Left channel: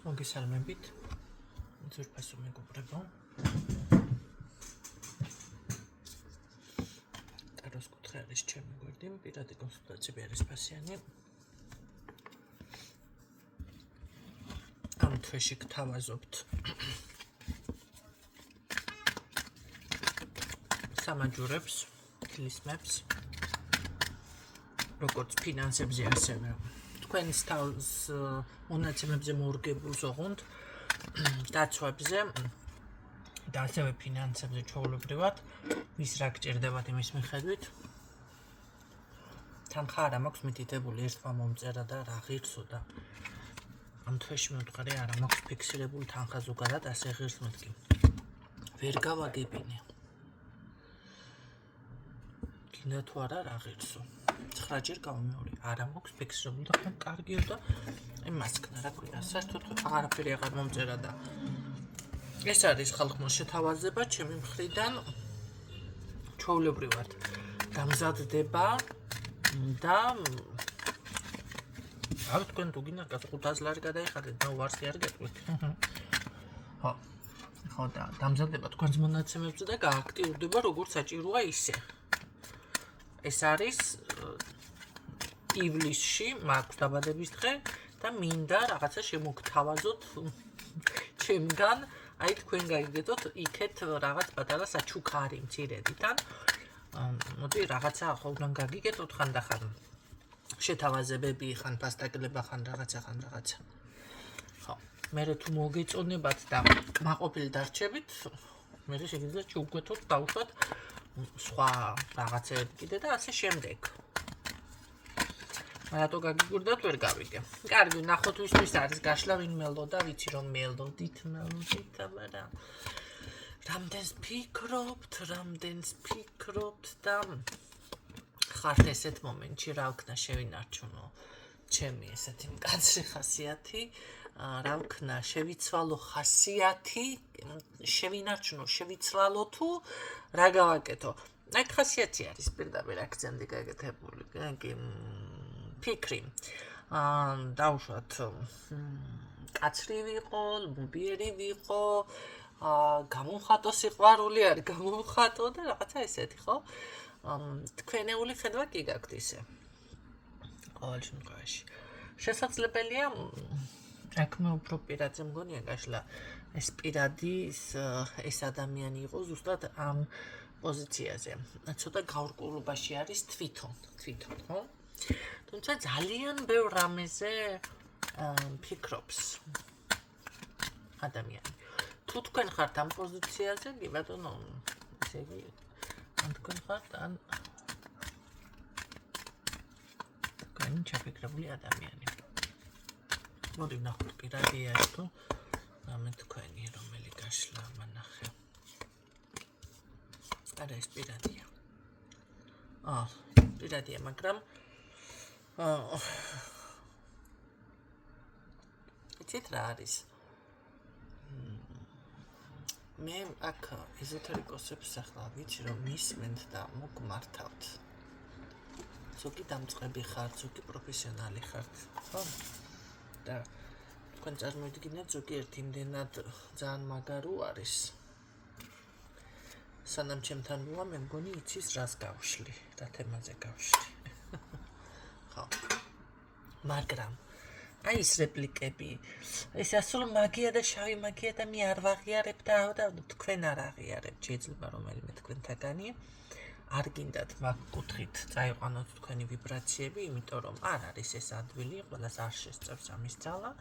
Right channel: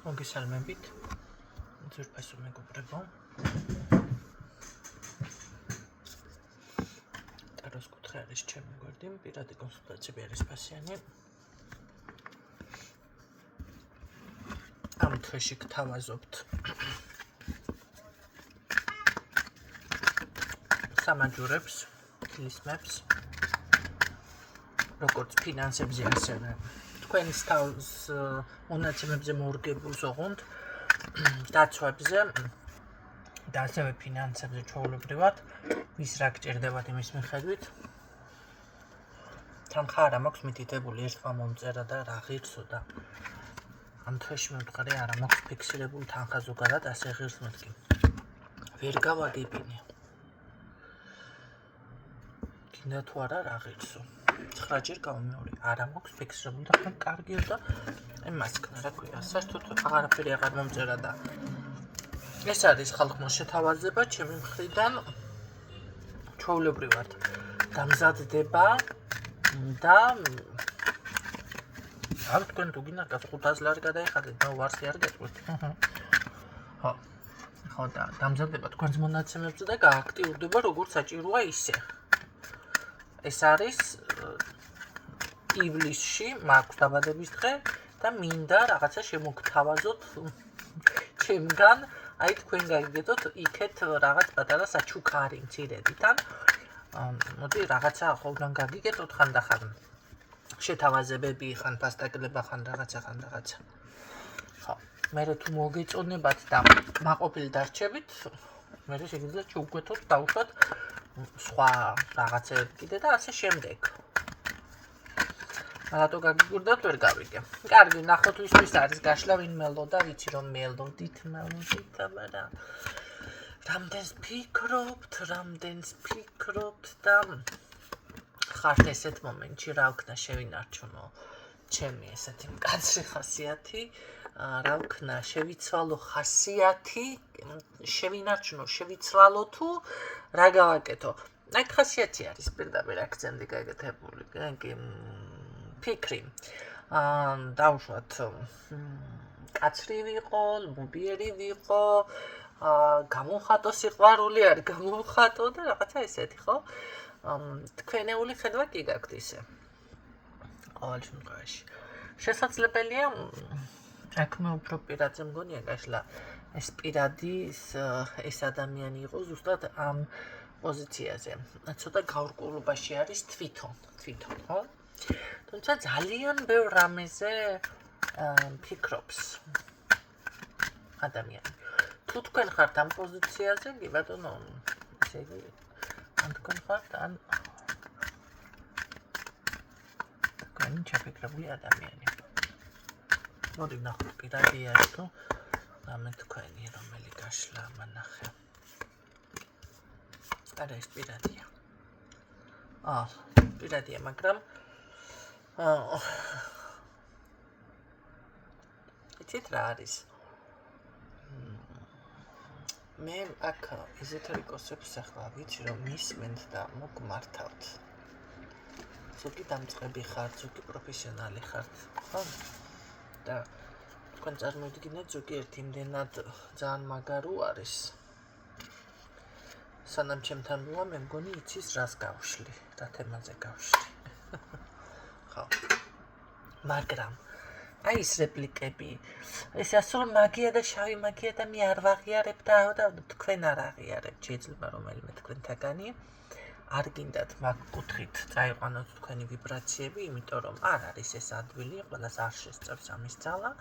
მოგესალმებით. ძვირფასო მეგობრებო. ტაროს კუთხე არის ჩემი გვერდი, პირადი კონსულტაციები არის ფასიანი. ამ თვეში გთავაზობთ სამაჯურებს, ქლისმებს, როგორც ფინანსებზე, ასევე თქვენს თავს მონაცემებზე მორგებულს ოღონდ დაცვებზე და ასევე ფინანსებზე ჩვეულებრივად ვის რა გჭირდებათ იმის მიხედვით თანხა არ მაქვს მითითებული ერთმა მომწერა და რა ღირსო და ამ თვეში მევთხარი არ მაქვს ფიქსირებული თანხა ზოგადად ასე ღირს მეთქი ვერ გავაგებინე გინდა თუ არა რა ღირსო 9 ჯერ გამომეორე არ მაქვს ფიქსირებული და ხომ კარგიო და მასკნა რა ქვია საერთოდ აღარაფერი აღარ მომწერა და ეს არის ხალხმა შეთავაზება ჩემი მხრიდან ჩვეულებრივად დამზადდება და არ თქვენ თუ გინდა 500 ლარი გადაიხადეთ და ვარსი არ გეტყვით ხო და დამზადდება თქვენს მონაცემებზე და გააქტიურდება როგორც საჭიროა ისე ეს არის ივლისში მაქვს დაბადების დღე და მინდა რაღაცა შემოგთავაზოთ ჩემგან აი თქვენ გაიგეთოთ იქეთ რაღაც პატარა საჩუქარი მცირედიდან მოდი რაღაცა ახალგან გაგიგეთოთ ხანდახან შეთავაზებები ხან ფასტაკლება ხან რაღაცა ხო მე თუ მოგეწონებათ და კმაყოფილი დარჩებით მე შეგვიძლია ჩუგვეთოთ დავუშვათ სხვა რაღაცები კიდე და ასე შემდეგ რატო გაგიგურდათ ვერ გავიგე. კარგი, ნახოთ ვისთვის არის გაშლა ვინ მელოდა, ვიცი რომ მელოდით აბარა. რამდენს ფიქრობთ და ხართ ესეთ მომენტში რა ვქნა შევინარჩუნო ჩემი ესეთი მკაცრი ხასიათი, რა ვქნა შევიცვალო ხასიათი, შევინარჩუნო, შევიცვალო თუ რა გავაკეთო. აი ხასიათი არის პირდაპირ აქცენტი გაკეთებული, კი ფიქრი დავუშვათ კაცრი ვიყო, ლუბიერი ვიყო, გამომხატო სიყვარული არ გამომხატო და რაღაცა ესეთი, ხო? თქვენეული ხედვა კი გაქვთ ისე. ყოველ შემთხვევაში. შესაძლებელია აქ მე უფრო პირადზე მგონია გაშლა ეს პირადი ეს ადამიანი იყო ზუსტად ამ პოზიციაზე. ცოტა გაურკვევლობაში არის თვითონ, ხო? თუმცა ძალიან ბევრ რამეზე ფიქრობს ადამიანი. თუ თქვენ ხართ ამ პოზიციაზე, კი ბატონო, ესე იგი, ან თქვენ ხართ, ან თქვენ ჩაფიქრებული ადამიანი. მოდი ნახოთ პირადია თუ რამე თქვენი რომელი გაშლა მანახე. არა ეს პირადია. პირადია, მაგრამ იცით რა არის? მე აქ ეზოთერიკოსებს ახლა ვიცი რომ მისმენთ და მოგმართავთ. ზოგი დამწყები ხართ, ზოგი პროფესიონალი ხართ, ხო? და თქვენ წარმოიდგინეთ ზოგიერთი იმდენად ძალიან მაგარო არის. სანამ ჩემთან როა მე მგონი იცის რას გავშლი, რა თემაზე გავშლი. ხო. მაგრამ აი ეს რეპლიკები, ეს ასულ მაგია და შავი მაგია და მე არ ვაღიარებ და თქვენ არ აღიარებთ, შეიძლება რომელიმე თქვენთაგანი არ გინდათ მაგ კუთხით წაიყვანოთ თქვენი ვიბრაციები, იმიტომ რომ არ არის ეს ადვილი, ყველას არ შესწევს ამის ძალა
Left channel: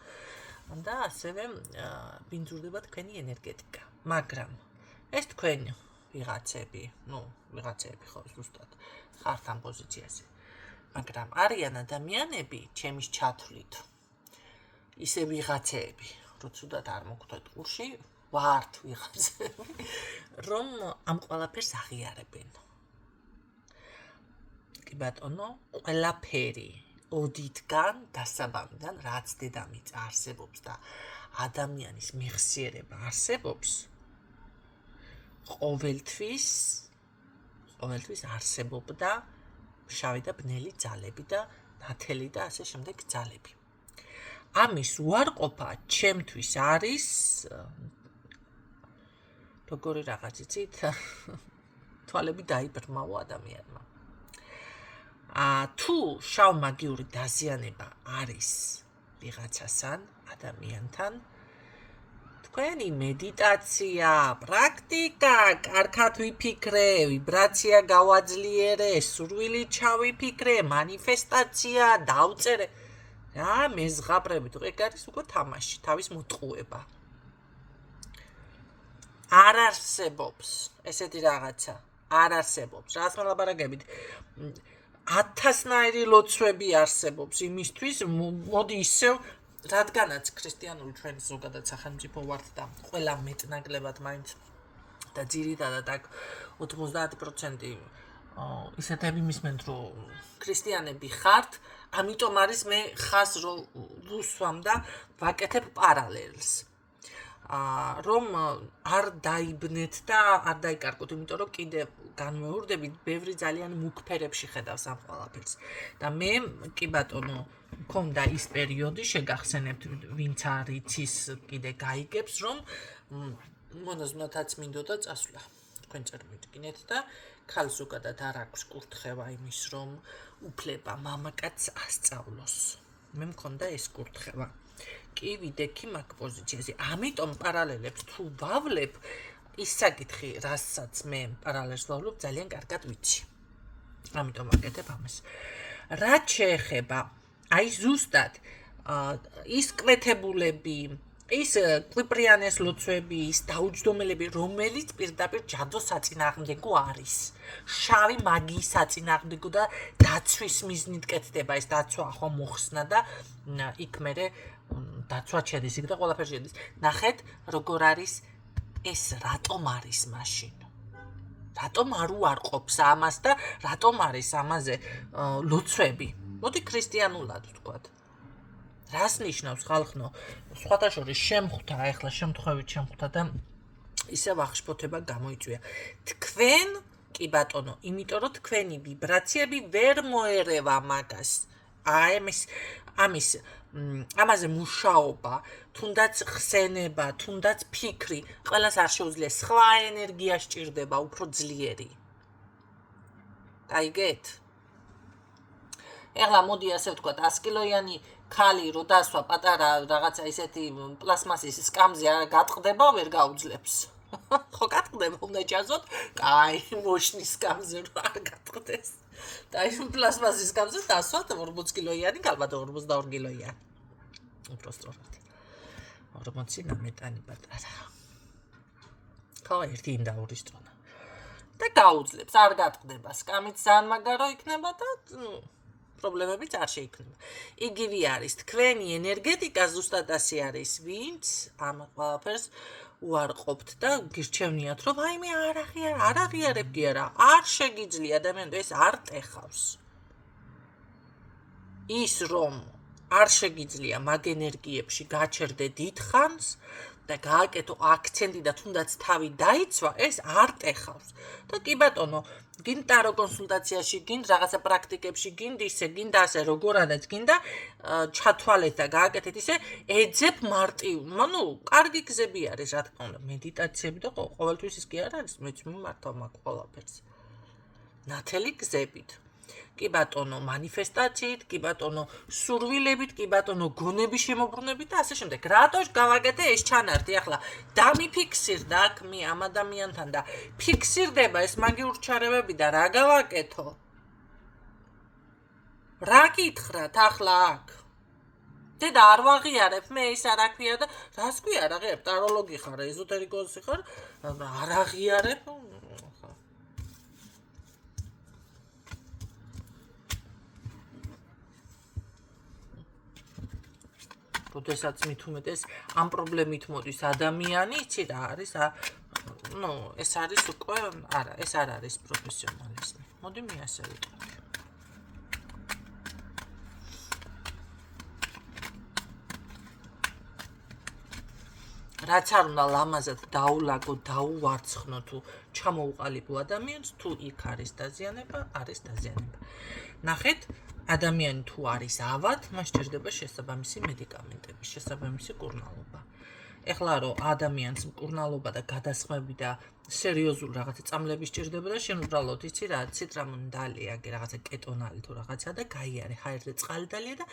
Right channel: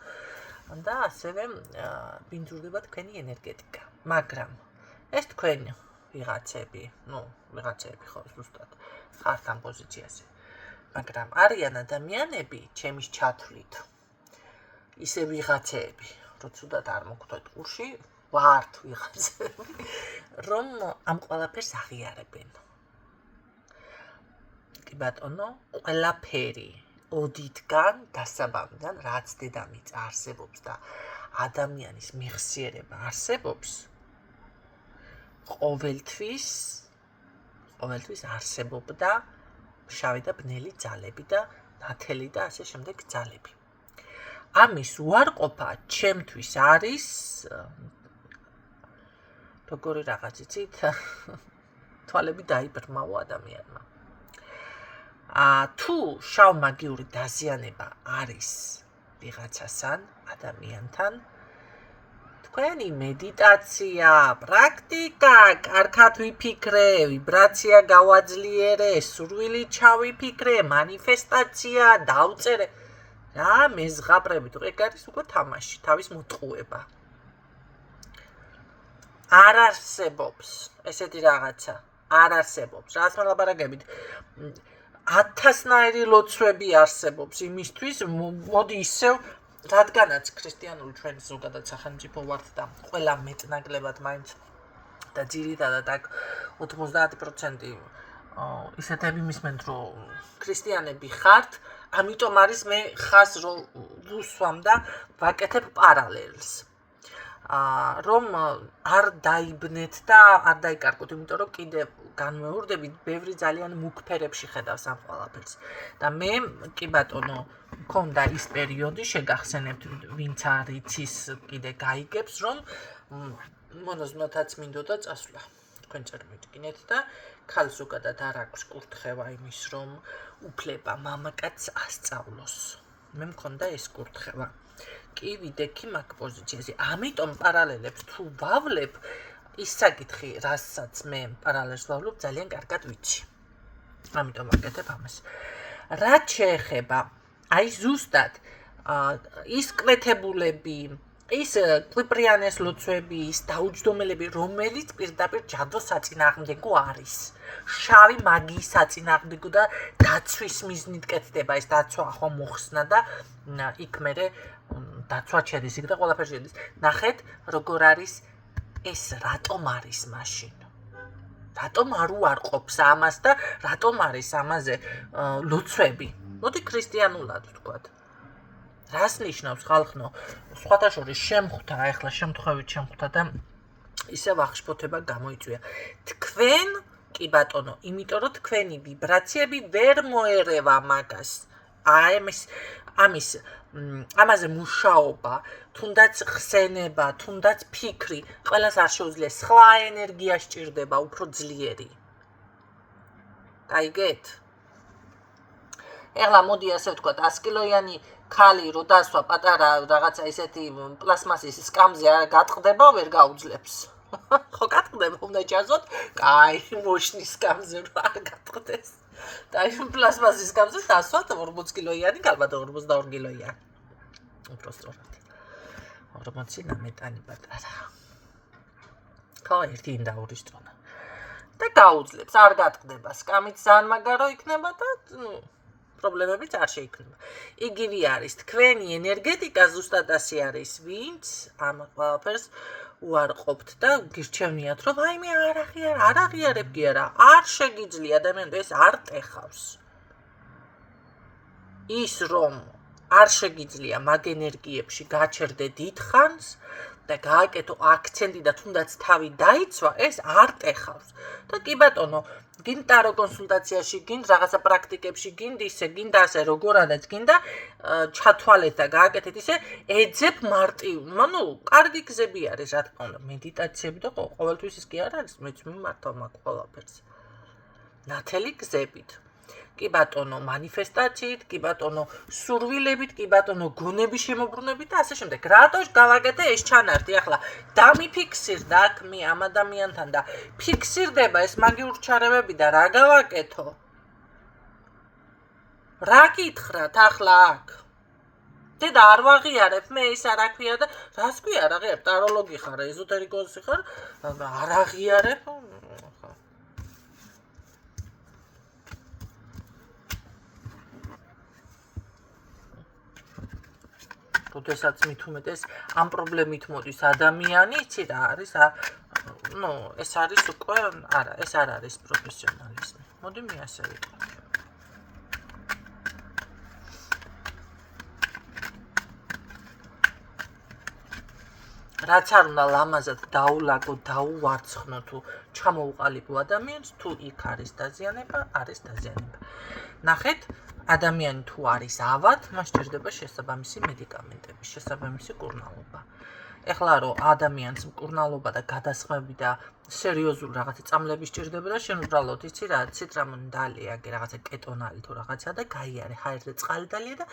და ასევე ბინძურდება თქვენი ენერგეტიკა. მაგრამ ეს თქვენ ვიღაცები ხო ზუსტად ხართ ამ პოზიციაზე. მაგრამ არიან ადამიანები ჩემის ჩათვლით ისე ვიღაცები, რომ ცუდად არ მოგხვდეთ ყურში, ვართ ვიღაცები, რომ ამ ყველაფერს აღიარებენ. კი ბატონო, ყველაფერი ოდითგან დასაბამიდან, რაც დედამიწა არსებობს და ადამიანის მეხსიერება არსებობს, ყოველთვის არსებობდა შავი და ბნელი ძალები და ნათელი და ასე შემდეგ ძალები. ამის უარყოფა ჩემთვის არის როგორი რაღაც იცით თვალები დაიბრმავა ადამიანმა თუ შავ მაგიური დაზიანება არის ვიღაცასთან ადამიანთან თქვენი მედიტაცია, პრაქტიკა, კარგად ვიფიქრე, ვიბრაცია გავაძლიერე, სურვილი ჩავიფიქრე, მანიფესტაცია, დავწერე. რა მეზღაბრებით, ეგ არის უკვე თამაში, თავის მოტყუება. არ არსებობს ესეთი რაღაცა, არ არსებობს. რას მელაპარაკებით? 1000-ნაირი ლოცვები არსებობს იმისთვის, მოდი ისევ რადგანაც ქრისტიანული ჩვენ ზოგადად სახელმწიფო ვართ და ყველა მეტნაკლებად მაინც და ძირითადად აქ 90% ისეთები მისმენთ რომ ქრისტიანები ხართ, ამიტომ არის მე ხას ვუსვამ და ვაკეთებ პარალელს. რომ არ დაიბნეთ და არ დაიკარგოთ, იმიტომ რომ კიდე განმეორდებით, ბევრი ძალიან მუქფერებში ხედავს ამ ყველაფერს. და მე კი ბატონო მქონდა ის პერიოდი, შეგახსენებთ, ვინც არ იცის, კიდე გაიგებს, რომ მონაზვნათაც მინდოდა წასვლა. თქვენ წარმოვიდგინეთ და ქალს ზოგადად არ აქვს კურთხევა იმის, რომ უფლება მამაკაცს ასწავლოს. მე მქონდა ეს კურთხევა. კი ვიდექი მაგ პოზიციაზე. ამიტომ პარალელებს თუ ვავლებ, ის საკითხი, რასაც მე პარალელს ვავლებ, ძალიან კარგად ვიცი. ამიტომ ვაკეთებ ამას. რაც შეეხება აი ზუსტად ის კვეთებულები, ის კვიპრიანეს ლოცვები, ის დაუჯდომელები, რომელიც პირდაპირ ჯადოს საწინააღმდეგო არის. შავი მაგიის საწინააღმდეგო და დაცვის მიზნით კეთდება ეს დაცვა ახლა მოხსნა და იქ მერე დაცვა შედის იქ და ყველაფერი შედის. ნახეთ, როგორ არის ეს რატომ არის მაშინ? რატომ არ უარყოფს ამას და რატომ არის ამაზე ლოცვები? მოდი ქრისტიანულად ვთქვათ. რას ნიშნავს ხალხნო? სხვათა შორის შემხვდა, ახლა შემთხვევით შემხვდა და ისევ აღშფოთება გამოიწვია. თქვენ კი ბატონო, იმიტომ რომ თქვენი ვიბრაციები ვერ მოერევა მაგას. ამაზე მუშაობა, თუნდაც ხსენება, თუნდაც ფიქრი, ყველას არ შეუძლია, სხვა ენერგია სჭირდება, უფრო ძლიერი. გაიგეთ? ეხლა მოდი ასე ვთქვათ, 100 კილოიანი ქალი რო დასვა პატარა რაღაცა ისეთი პლასმასის სკამზე არ გატყდება, ვერ გაუძლებს. ხო გატყდება, უნდა ჩაზოთ, კაი, მოშნის სკამზე რო არ გატყდეს. და ის პლასმასის სკამზე დასვათ 40 კილოიანი, ალბათ 42 კილოიანი. უბრალოდ 40 ნამეტანი პატარა. ხო, ერთი ინდაურის წონა. და გაუძლებს, არ გატყდება, სკამით ძალიან მაგარო იქნება და პრობლემებიც არ შეიქმნება. იგივე არის თქვენი ენერგეტიკა ზუსტად ასე არის, ვინც ამ ყველაფერს უარყოფთ და გირჩევნიათ, რომ აი მე არ აღიარებ კი არა, არ შეგიძლია ადამიანს ეს არ ტეხავს. ის რომ არ შეგიძლია მაგ ენერგიებში გაჩერდე დიდხანს და გააკეთო აქცენტი და თუნდაც თავი დაიცვა, ეს არ ტეხავს. და კი ბატონო, გინდა ტარო კონსულტაციაში, გინდა რაღაცა პრაქტიკებში, გინდა ისე, გინდა ასე, როგორადაც გინდა ჩათვალეთ და გააკეთეთ ისე, ეძებ მარტივ, კარგი გზები არის, რა თქმა უნდა, მედიტაციები და ყოველთვის ის კი არ არის, მეც მიმართავ მაგ ყველაფერს. ნათელი გზებით. კი ბატონო, მანიფესტაციით, კი ბატონო, სურვილებით, კი ბატონო, გონების შემოbrunებით და ასე შემდეგ. რატო გავაკეთე ეს ჩანართი? ახლა დამიფიქსირდა აქ მე ამ ადამიანთან და ფიქსირდება ეს მაგიურ ჩარევები და რა გავაკეთო? რა გითხრათ ახლა აქ? დედა არ ვაღიარებ, მე ის არ აქვია და რას ქვია არ აღიარებ? ტაროლოგი ხარ, ეზოტერიკოსი ხარ? არ აღიარებ? როდესაც მით უმეტეს ამ პრობლემით მოდის ადამიანი, იცი რა არის? ეს არის უკვე, არა, ეს არ არის პროფესიონალიზმი. მოდი მე ასე ვიტყვი. რაც არ უნდა ლამაზად დაულაგო, დაუვარცხნო თუ ჩამოუყალიბო ადამიანს, თუ იქ არის დაზიანება, არის დაზიანება. ნახეთ, ადამიანი თუ არის ავად, მას სჭირდება შესაბამისი მედიკამენტები, შესაბამისი მკურნალობა. ეხლა რომ ადამიანს მკურნალობა და გადასხმები და სერიოზული რაღაცა წამლები სჭირდება და შენ უბრალოდ იცი რა, ციტრამონი დალიაგე, რაღაცა კეტონალი თუ რაღაცა და გაიარე ჰაერზე წყალი დალია და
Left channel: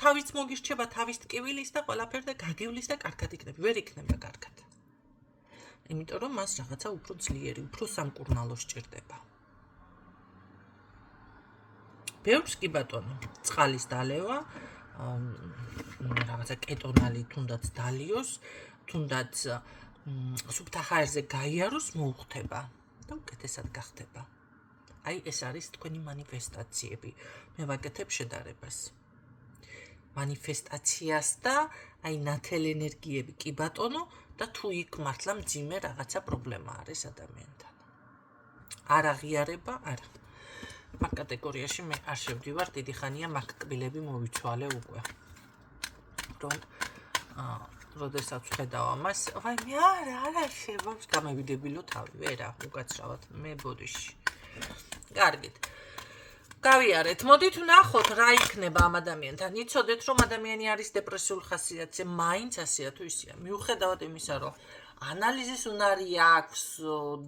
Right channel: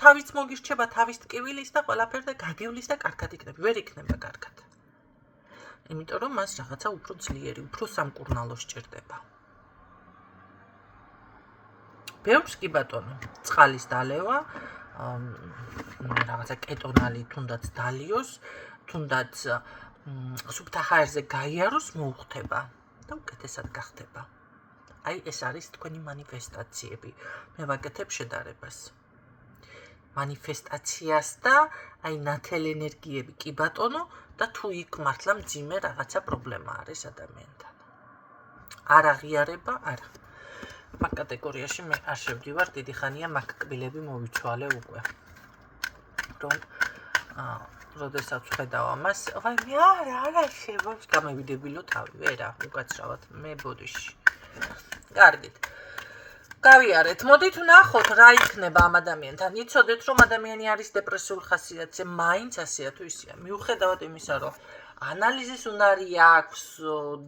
თავის მოგირჩება, თავის ტკივილის და ყველაფერი და გაგივლის და კარგად იქნება, ვერ იქნება კარგად. იმიტომ რომ მას რაღაცა უფრო ძლიერი, უფრო სამკურნალო სჭირდება. ბევრს კი ბატონო, წყალის დალევა, რაღაცა კეტონალი თუნდაც დალიოს, თუნდაც სუფთა ჰაერზე გაიაროს მოუხდება და უკეთესად გახდება. აი ეს არის თქვენი მანიფესტაციები. მე ვაკეთებ შედარებას. მანიფესტაციას და აი ნათელ ენერგიები კი ბატონო და თუ იქ მართლა მძიმე რაღაცა პრობლემა არის ადამიანთან. არ აღიარება, არა. მაგ კატეგორიაში მე არ შევდივარ, დიდი ხანია მაგ კბილები მოვიცვალე უკვე. რომ როდესაც ვხედავ ამას, ვაი მე არა შევავს გამევიდებილო თავი, ვერა, უკაცრავად, მე ბოდიში. კარგით. გავიარეთ, მოდით ვნახოთ რა იქნება ამ ადამიანთან. იცოდეთ რომ ადამიანი არის დეპრესიულ ხასიათზე, მაინც ასეა თუ ისეა. მიუხედავად იმისა, რომ ანალიზის უნარი აქვს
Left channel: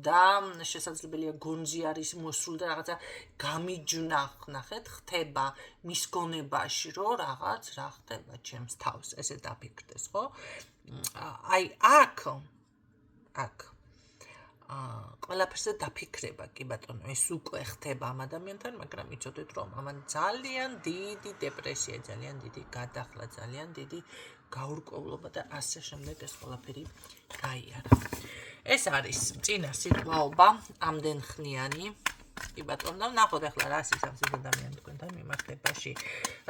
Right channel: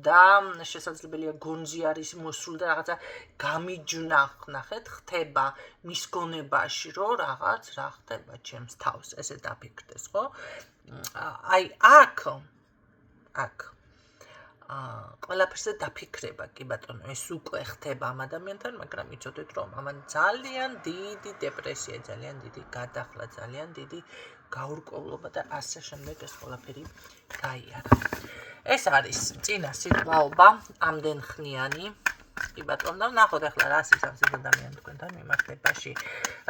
და შესაძლებელია გონჯი არის მოსული და რაღაცა გამიჯნა, ნახეთ, ხდება მის გონებაში, რომ რაღაც რა ხდება ჩემს თავს, ესე დაფიქრდეს, ხო? აი აქ ყველაფერზე დაფიქრება, კი ბატონო, ეს უკვე ხდება ამ ადამიანთან, მაგრამ იცოდეთ რომ ამან ძალიან დიდი დეპრესია, ძალიან დიდი გადახლა, ძალიან დიდი გაურკვევლობა და ასე შემდეგ ეს ყველაფერი გაიარა. ეს არის წინა სიტყვაობა, ამდენ ხნიანი. კი ბატონო, და ვნახოთ ახლა რა სისხლის ადამიანი თქვენთან მიმართებაში.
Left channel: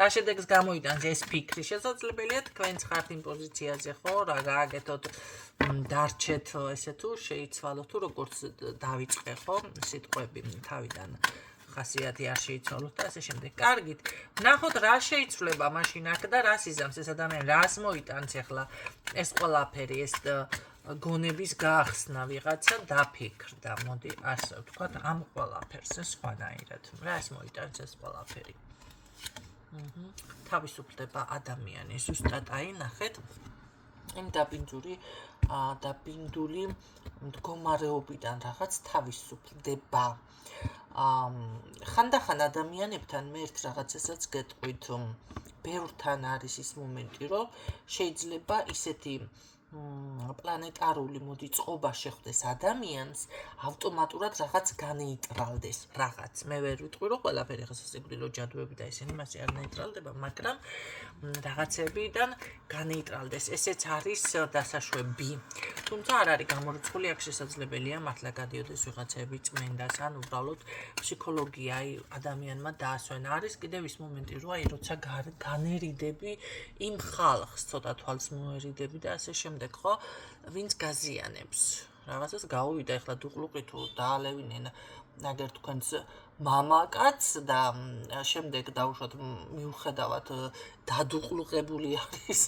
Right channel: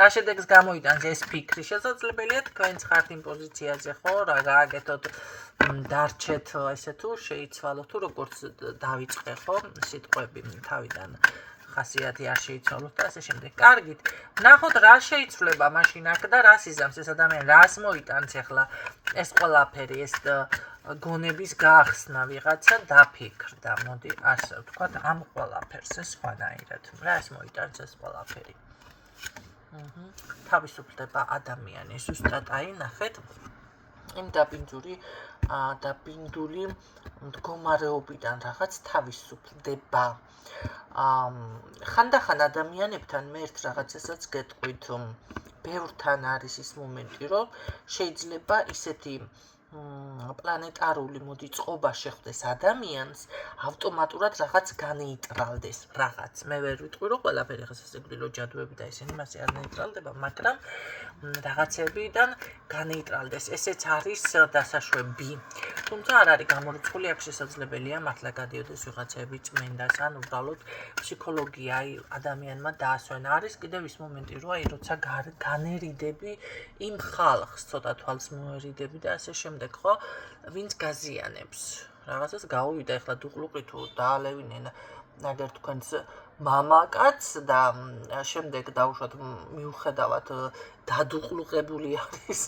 რა შედეგს გამოიტანს ეს ფიქრი? შესაძლებელია თქვენც ხართ იმ პოზიციაზე, ხო, რა გააკეთოთ, დარჩეთ ესე თუ შეიცვალოთ თუ როგორც დავიწყე, ხო, სიტყვები თავიდან ხასიათი არ შეიცვალოთ და ასე შემდეგ. კარგით, ვნახოთ რა შეიცვლება მაშინ აქ და რა სიზამს ეს ადამიანი, რას მოიტანს ახლა ეს ყველაფერი, ეს გონების გახსნა ვიღაცა დაფიქრდა. მოდი ასე ვთქვათ, ამ ყველაფერს ეს სხვანაირად. რას მოიტანს ეს ყველაფერი? თავისუფლდება ადამიანი, ზუსტად აი ნახეთ, იმ დაბინდული მდგომარეობიდან რაღაც თავისუფლდება. ხანდახან ადამიანებთან მე ერთ რაღაცასაც გეტყვით, ბევრთან არის ის მომენტი, რომ შეიძლება ისეთი პლანეტარული მოდი წყობა შეხვდეს ადამიანს, ავტომატურად რაღაც განეიტრალდეს, რაღაც. მე ვერ ვიტყვი, რომ ყველაფერი ხას ესეგვდილო ჯადოები და ისინი მასე არ ნეიტრალდება, მაგრამ რაღაცებიდან განეიტრალდეს. ესეც არის დასაშვები. თუმცა არ არის გამორიცხული, აქ შესაძლებელია მართლა გადიოდეს ვიღაცები წმენდას, ან უბრალოდ ფსიქოლოგია ადამიანმა დაასვენა. არის კიდევ ის მომენტი, რომ აი როცა განერიდები იმ ხალხს, ცოტა თვალს მოერიდები და ასე შემდეგ, ხო, ვინც გაზიანებს. რაღაცას გაუვიდა, ეხლა დუყლუყი თუ დაალევინენ აგერ თქვენს მამაკაც და შემდეგ დაუშვათ მიუხედავად დადუყლუყებული არის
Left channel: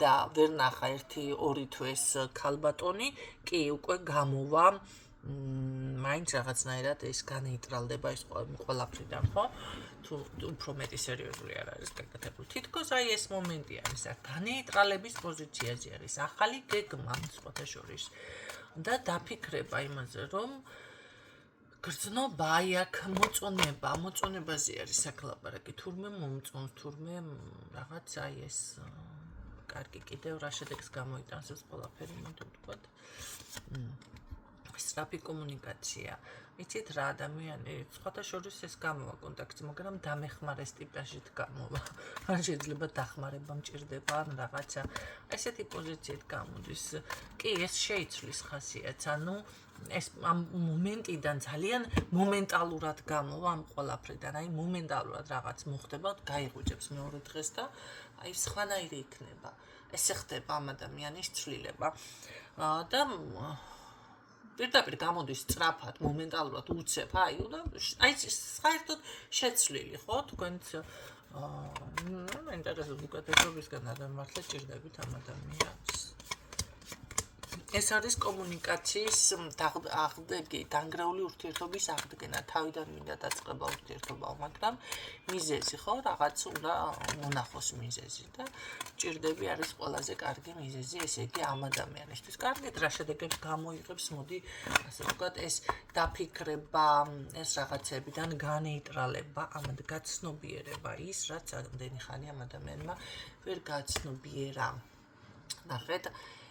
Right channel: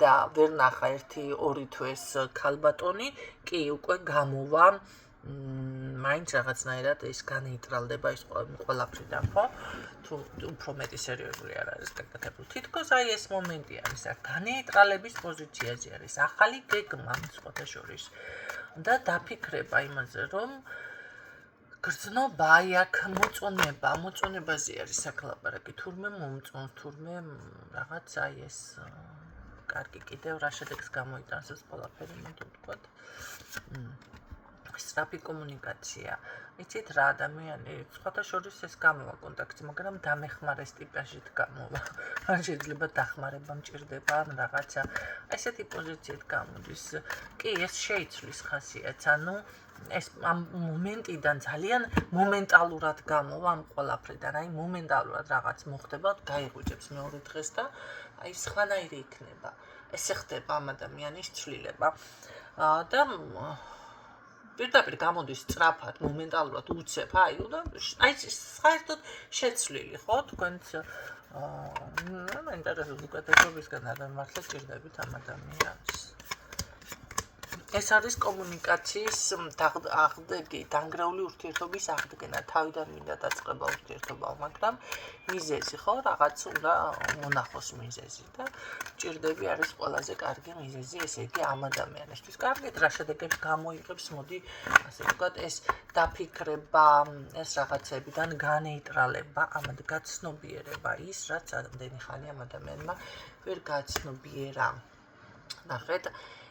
და ვერ ნახა 1-2 თვეს ქალბატონი, კი უკვე გამოვა მაინც რაღაცნაირად ეს განეიტრალდება ეს ყველაფრიდან, ხო? თუ უფრო მეტი სერიოზული არ არის გაკეთებული. თითქოს აი ეს მომენტი არის, განეიტრალების პოზიციაზე არის, ახალი გეგმა სხვათა შორის და დაფიქრება იმაზე, რომ გრძნობა, აი აქ მოწონებაზე არის საკლაპარაკი, თურმე მომწონს, თურმე რაღაც აი ეს კარგი კიდევ რა შედეგს გამოიტანს ეს ყველაფერი, მოდი ვთქვათ. სწრაფი კომუნიკაცია. იცით რა ადამიანი, სხვათა შორის ეს გამოვა კონტაქტი, მაგრამ დამეხმარეს ტიპაჟით გამოვა. ან შეიძლება დახმარება მჭირდება, ან რაღაცა. ესეთი პოზიციით გამოდის. კი, ეს შეიცვლის ხასიათს, ანუ ეს ამ მომენტიდან ძალიან მომენტალურად გამოვა ამ ყველაფრიდან, აი მომენტალურად რაღაც მოხდება, გაიღვიძებს მეორე დღეს და აი სხვანაირი იქნება. ესე ხდება ამ ადამიანის ცვლილება. და პირდაპირ გამოდის სწრაფად, მომენტალურად უცებ, აი საერთოდ შეცვლილი, ხო, თქვენც ინტერესებს უკეთესობისგან არ მართლა ჭირდებით ამ ადამიანს. ეს არის კომუნიკაციის დანგრეული ურთიერთობის აღდგენა. თავიდან მინდა დაწყება ურთიერთობა, მაგრამ მიზეზი ხო რაღაც უნდა მონახოს მიზეზი და ჭირდები არის ყველაზე კარგი მიზეზი, ესე იგი ამ ადამიანისთვის. კარგით, რა შედეგებს გამოიღებს, მოდი ასე ვთქვათ, ეს დაფიქრება, ეს რაღაცებიდან განეიტრალება, ამად გაცნობიერება ის, რაც ამდენი ხანი ამ ადამიანმა ვერ გაცნობიერა. ნახეთ,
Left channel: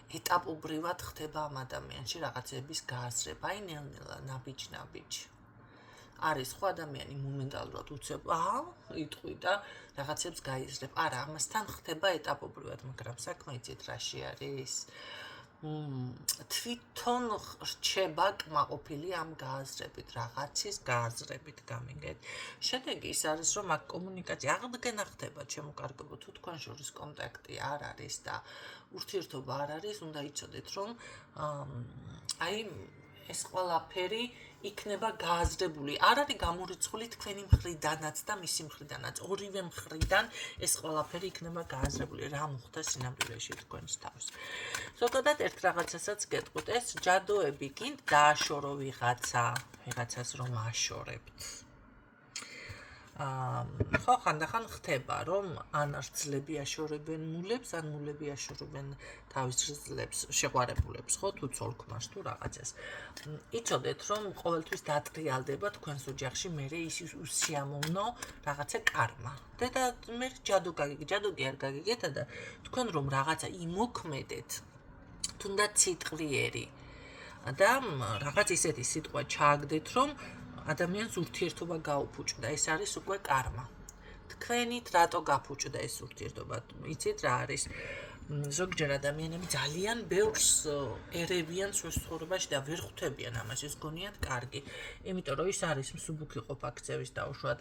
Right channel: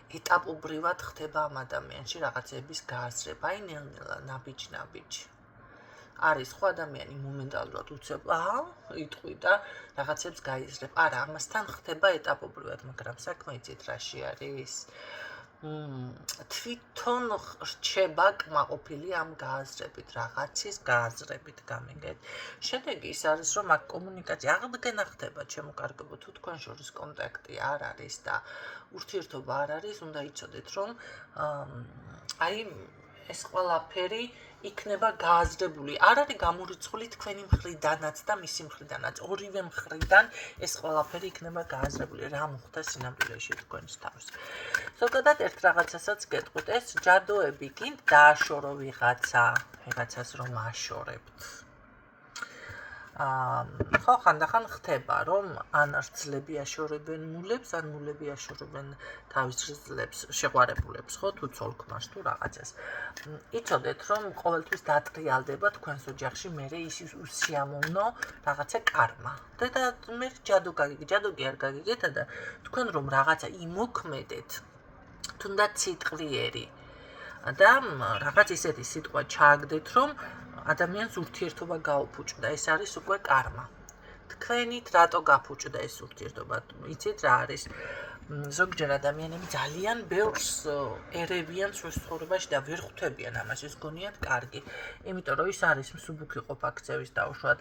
ეტაპობრივად ხდება ამ ადამიანში რაღაცების გააზრება, აი ნელ-ნელა, ნაბიჯ-ნაბიჯ. არის ხო ადამიანი მომენტალურად უცებ, იტყვი და რაღაცებს გაიზრებ. არა, ამასთან ხდება ეტაპობრივად, მაგრამ საქმე იცით რაში არის? თვითონ რჩება კმაყოფილი ამ გააზრებით, რაღაცის გააზრებით, გამიგეთ. შედეგი ის არის, რომ აქ კომუნიკაცია აღდგენა ხდება, ჩემო კარგებო, თუ თქვენ შორის კონტაქტი არ არის და ურთიერთობა არ არის, უნდა იცოდეთ, რომ აი ეს ყველაფერი იქნება გააზრებული. არ არის გამორიცხული თქვენი მხრიდანაც და მისი მხრიდანაც. ორივე მხრიდან ეს ყველაფერი იქნება გააზრებული. რა მოხდა სინამდვილეში თქვენს თავს. ზოგადად ერთ რაღაცასაც გეტყვით, ეს ჯადოები გინდ დააშორო ვიღაცას რომ აშორებთ. ხო, ხანდახან ხდება, რომ ან რძლები აშორებენ მულებს, ან მულები აშორებენ თავის რძლებს, შეყვარებულებს, ხო, თუ ცოლ-ქმარს თუ რაღაცას. იცოდეთ, რომ ყოველთვის დატრიალდება თქვენს ოჯახში მერე ის უსიამოვნო რაღაცა კარმა. და მე ჯადო კი არ გაგიგეთ და თქვენ რომ რაღაცა იმოქმედეთ, თუნდაც სიტყვიერი და რაღაც ისეთი სიტყვა ჩააგდეთ, რომ ადამიანს ურთიერთობა გაუფუჭდა, ეს არის უკვე კარმა. თქვენით რატო გაფუჭდა ეს ურთიერთობა? იცით რა არის? ზოგჯერ ადამიანები ძალიან ბევრს ერევიან სულ ცხოვრებაში და ვერ ხვდებიან ამას, ეს გონიათ კარგი. იმიტომ რომ ის არის მსუბუქი ყოფა-ქცევის დაუშვათ,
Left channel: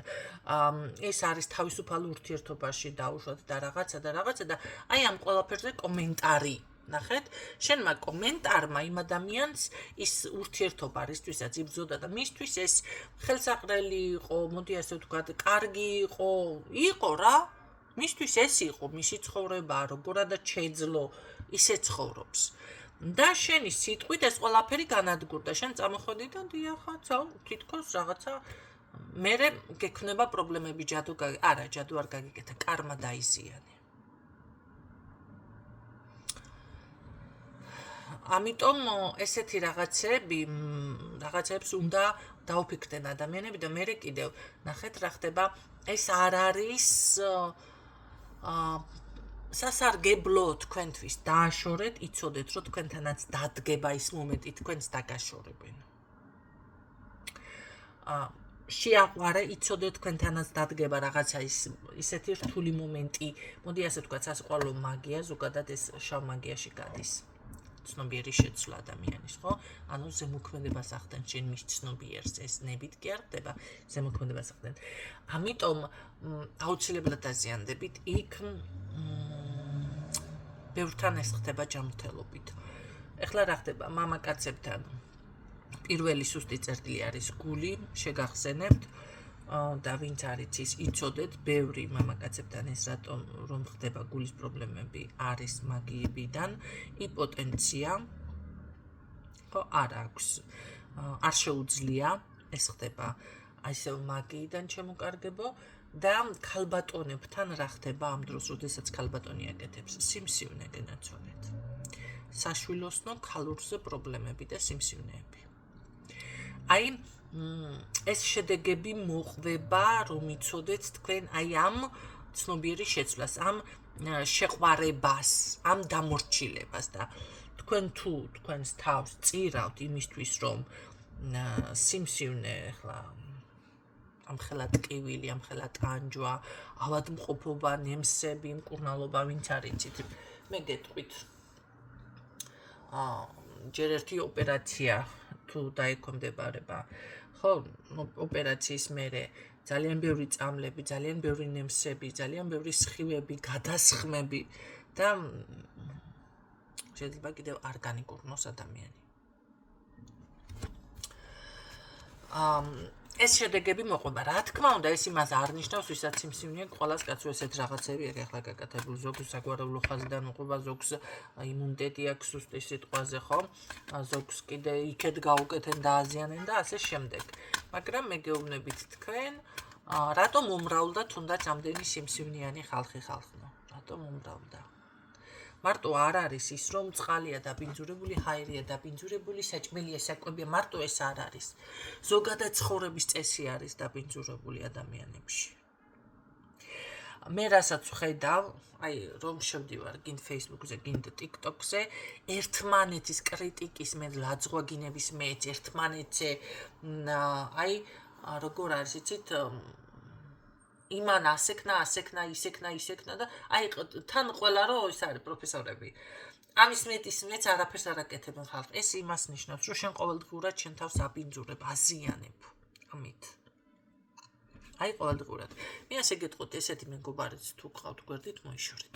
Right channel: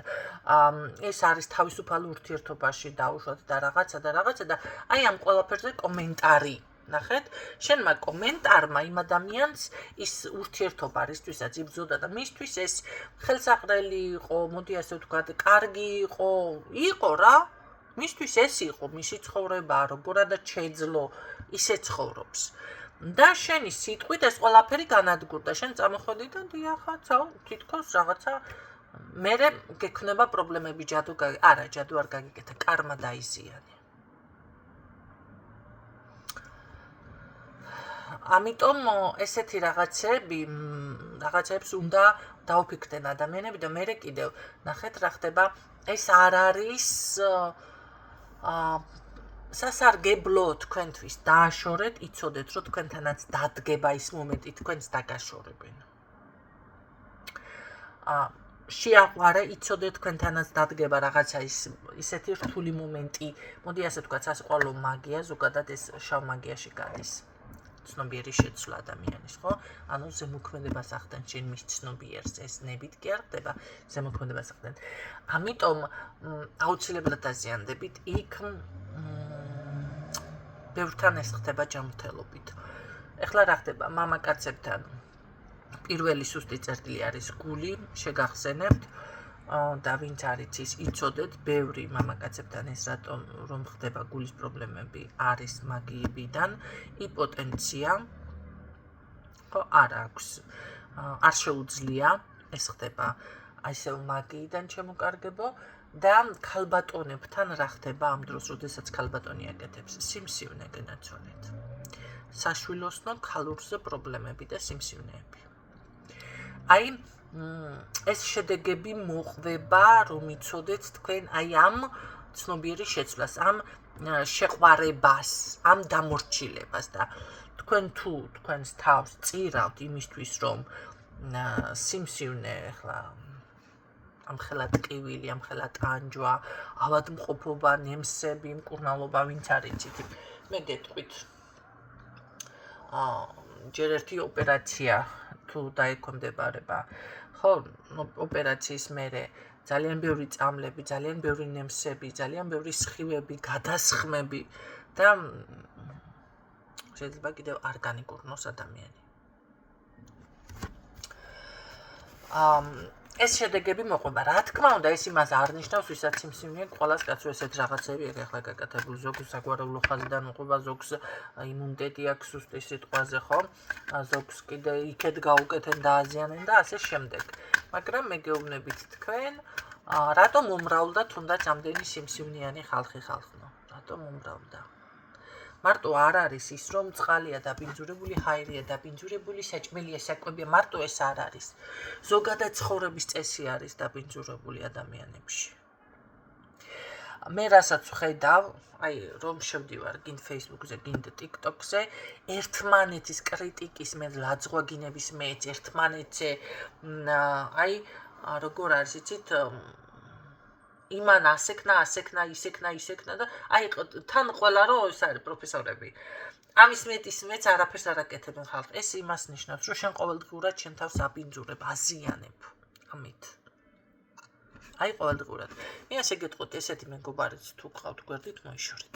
ეს არის თავისუფალ ურთიერთობაში დაუშვათ და რაღაცა და აი ამ ყველაფერზე კომენტარი. ნახეთ, შენმა კომენტარმა იმ ადამიანს ის ურთიერთობა რისთვისაც იბრძოდა და მისთვის ეს ხელსაყრელი იყო, მოდი ასე ვთქვათ, კარგი იყო რა. მისთვის ეს იყო მისი ცხოვრება, როგორადაც შეეძლო, ისე ცხოვრობს. და შენი სიტყვით ეს ყველაფერი განადგურდა. შენ წამოხვედი და დიახა, თითქოს რაღაცა მერე გექნება პრობლემები, ჯადო არ გაგიკეთა, კარმა დაიზიანე. ამიტომ ესეთი რაღაცებს უნდა დაუფიქრდნენ ადამიანები და მერე კიდევ ნახეთ რა ხდება, ეს არ არის სასარგებლო თქვენთვის დააშორეთ, იცოდეთ, რომ თქვენთანაც დადგება ის მომენტი, თქვენს დაგაშორებენ. შეაყვარე, იცოდეთ, თქვენთანაც დადგება რაღაცა ისეთი რთული მომენტი, მოდი ასე ვთქვათ, სასიყვარულო მაგია, ზოგადად ეს შავ მაგიაში გადის. ცნობიერი შეცვლა ადამიანის, ხო? ანუ ზემოქმედებას ახდენ შენ მის ცნობიერს, ეს ნებით კი არ ხდება, ზემოქმედებას ახდენ. ამიტომ აუცილებლად დაზიანდებით იქ ბევრთან ეს ხდება ჯანმრთელობით. ეხლა რა ხდება? მამაკაცებთან პირველი სუსტი წერტილი არის გული, შეგახსენებთ და ვინც არის ის იცოდეთ, ბევრი მამაკაცებთან ეს რატომ რომ ხდება გულის პრობლემები არის მაგიებიდან, იპოტენცია ხო არ აქვს, არ შეუძლია, ეს ხდება ისევ მაგიიდან შემოკარგებო და ქალბატონებთან რა ხდება ამ დროს, როდესაც ქალბატონი აკეთებს სიმსივნე გენაცვალეთ. საშვილოსნო ქალურზე პრობლემები და სიმსივნეები. აი ეს შედეგები მოყვება, რომ იცოდეთ თქვენ აი ამ ცნობიერი შეცვლას, ამ შეყვარებას, ამ დამორჩილებას და თქვენ თუ თქვენს თავს წირავთ იმისთვის, რომ სიმსივნე ახლა ამხელა ტკივილი, ამხელა ტანჯვა, ავადმყოფობა, ნემსები, მკურნალობა, ვინც არ იცით, მე გეტყვით. ჯერ ერთი ოპერაცია თუ დაექვემდებარება, ხო, ოპერაციის მერე ძალიან ბევრი წამლები, ძალიან ბევრი ნემსები, ძალიან ბევრი სხივები, გადასხმები და შეიძლება კიდევ არ განიკურნოს ადამიანი. ეს შედეგები მოყვება. რა თქმა უნდა, ეს იმას არ ნიშნავს, ვისაც სიმსივნე ყველას კაცო ესეთ რაღაცები აქვს ახლა გაკეთებული. ზოგს საგვარეულო ხაზიდან მოყვება, ზოგს იმუნიტეტი აქვს უსტის სიტყვაზე, ხო? ზოგს კიდე იქეთ გაუკეთენ და აზიანენ და ასე შემდეგ. მაგრამ მე გეუბნებით თქვენ, რატომ უმრავლდა თუნდაც ამდენი სიმსივნიანი ხალხი ხალხნო? რატომ უმრავლდა? მარტო არ არის ის, რომ წყალია დაბინძურებული, ჰაერია დაბინძურებული, საჭმელია, საკვებია, მარტო ეს არ არის. ზოგადად ცხოვრების წესი არის დაბინძურებული ადამიანებში. მე რასაც ვხედავ, აი რომ შევდივარ გინდ Facebook-ზე, გინდ TikTok-ზე, ერთმანეთის კრიტიკის მე ლაძღვაგინების მეც ერთმანეთზე აი როგორ არის იცით იმან ასექნა და აი თან ყველა რომ ეს არის პროფესორები. ამის მეც არაფერს არ აკეთებენ ხალხს. ეს იმას ნიშნავს, რომ შენ ყოველდღურად შენ თავს აბინძურებ, აზიანებ. ამით. აი ყოველდღურად. მე ასე გეტყვით, ესეთი მეგობარიც თუ გყავთ გვერდით, მოიშორეთ.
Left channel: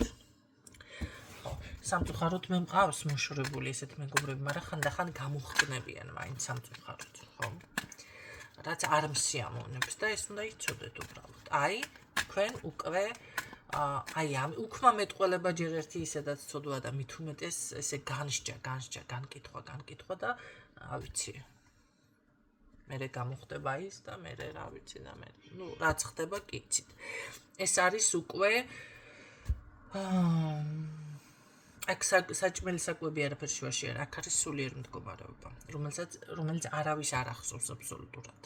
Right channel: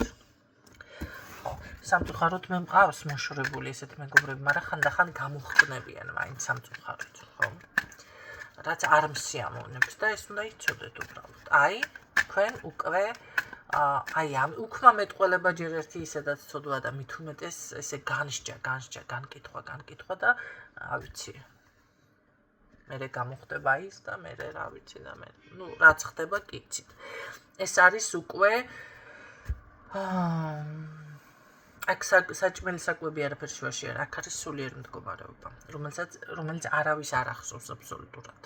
ხო, სამწუხაროდ მე მყავს მოშორებული ესეთი მეგობრები, მაგრამ ხანდახან გამოხკნებიან მაინც სამწუხაროდ, ხო? რაც არ მსიამოვნებს და ეს უნდა იცოდეთ უბრალოდ. აი, თქვენ უკვე აი ამ უქმა მეტყველება ჯერ ერთი ისედაც ცოდვა და მით უმეტეს ესე განსჯა, განკითხვა და ავიცი. მერე გამოხდება ის და მერე რა ვიცი და მე რაც ხდება კი იცით. ეს არის უკვე აქ საჭმელი საკვები არაფერ შუაში არ აქ არის სულიერი მდგომარეობა, რომელიც არავის არ ახსოვს აბსოლუტურად.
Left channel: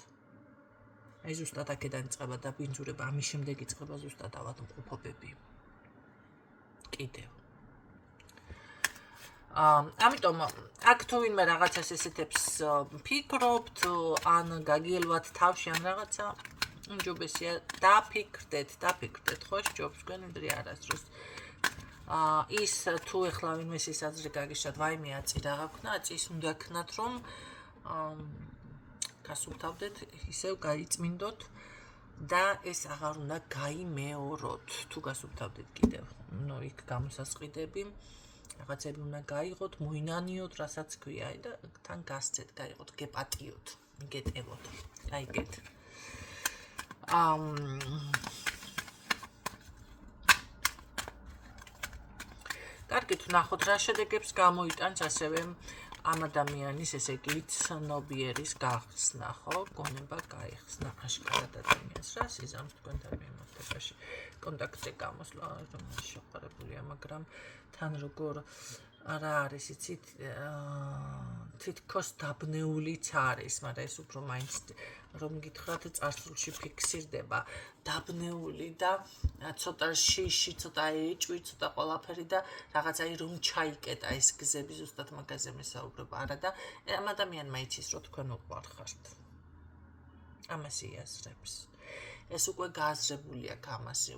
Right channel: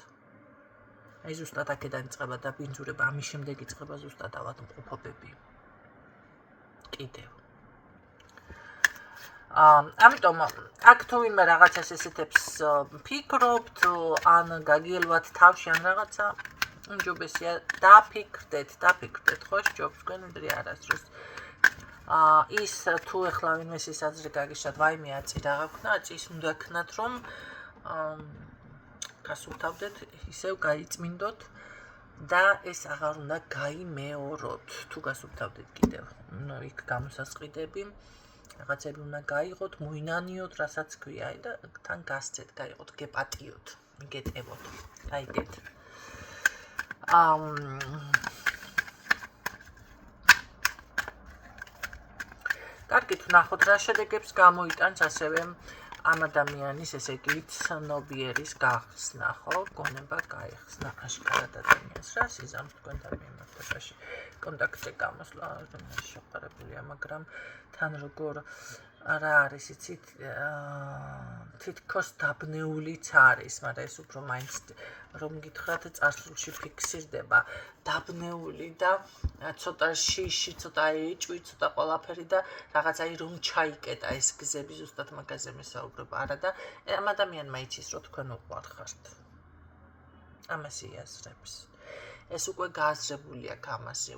აი ზუსტად აქედან იწყება დაბინძურება, ამის შემდეგ იწყება ზუსტად ავადმყოფობები. კიდევ. ამიტომ აქ თუ ვინმე რაღაცას ესეთებს ფიქრობთ, ან გაგიელვათ თავში ან რაღაცა, უმჯობესია დაფიქრდეთ, ხო, ჯობს გვენდრი არასდროს. ის თუ ეხლა ვინმეს ის აზრი გაგიშათ, ვაიმე აწი რა გაქვნა, აწის უნდა ქნათ, რომ გასუფთავდეთ, ისევ გაიწმინდოთ და ეს აღარ უნდა გაიმეოროთ. თუ გასუფთავდეთ კიდევ, იქ გამოსასყიდები, რაღაცები უნდა გაიღოთ, მოინანიოთ, რასაც ქვია, და თან გასცეთ, გაიღოთ, გეპატიოთ, მიგეტევოთ. აი ეგეთ. კარგით, ვნახოთ რა შედეგებს გამოიტანს ასევე ამ ადამიანის, ესე იგი, ცნობიერის გახსნა, ხო? გონება გაიხსნა აშკარად ადამიანს, რა სიზამს თქვენთან მიმართებაში. კონტაქტზე გამოსვლა შეყარებულია, მაგრამ თან როგორ რა არის, იცით, თითქოს დაბნეულიც არის, მაგრამ ეს უფრო მაინც რომ გითხრათ წარსულში ფიქსირდება, დაბნეული და ცოტა შიში, ცოტა ეჭვი, ცოტა ყველაფერი და რაღაც აი რომ ჩაიკეტა ეს გზები, ზუსტად მაგაზე მესაუბრება, არა და ამ ადამიანმა იცის, რომ თქვენ უყვარხართ. ამას იაზრებს. ეს უკვე გააზრებული აქვს ამაზე.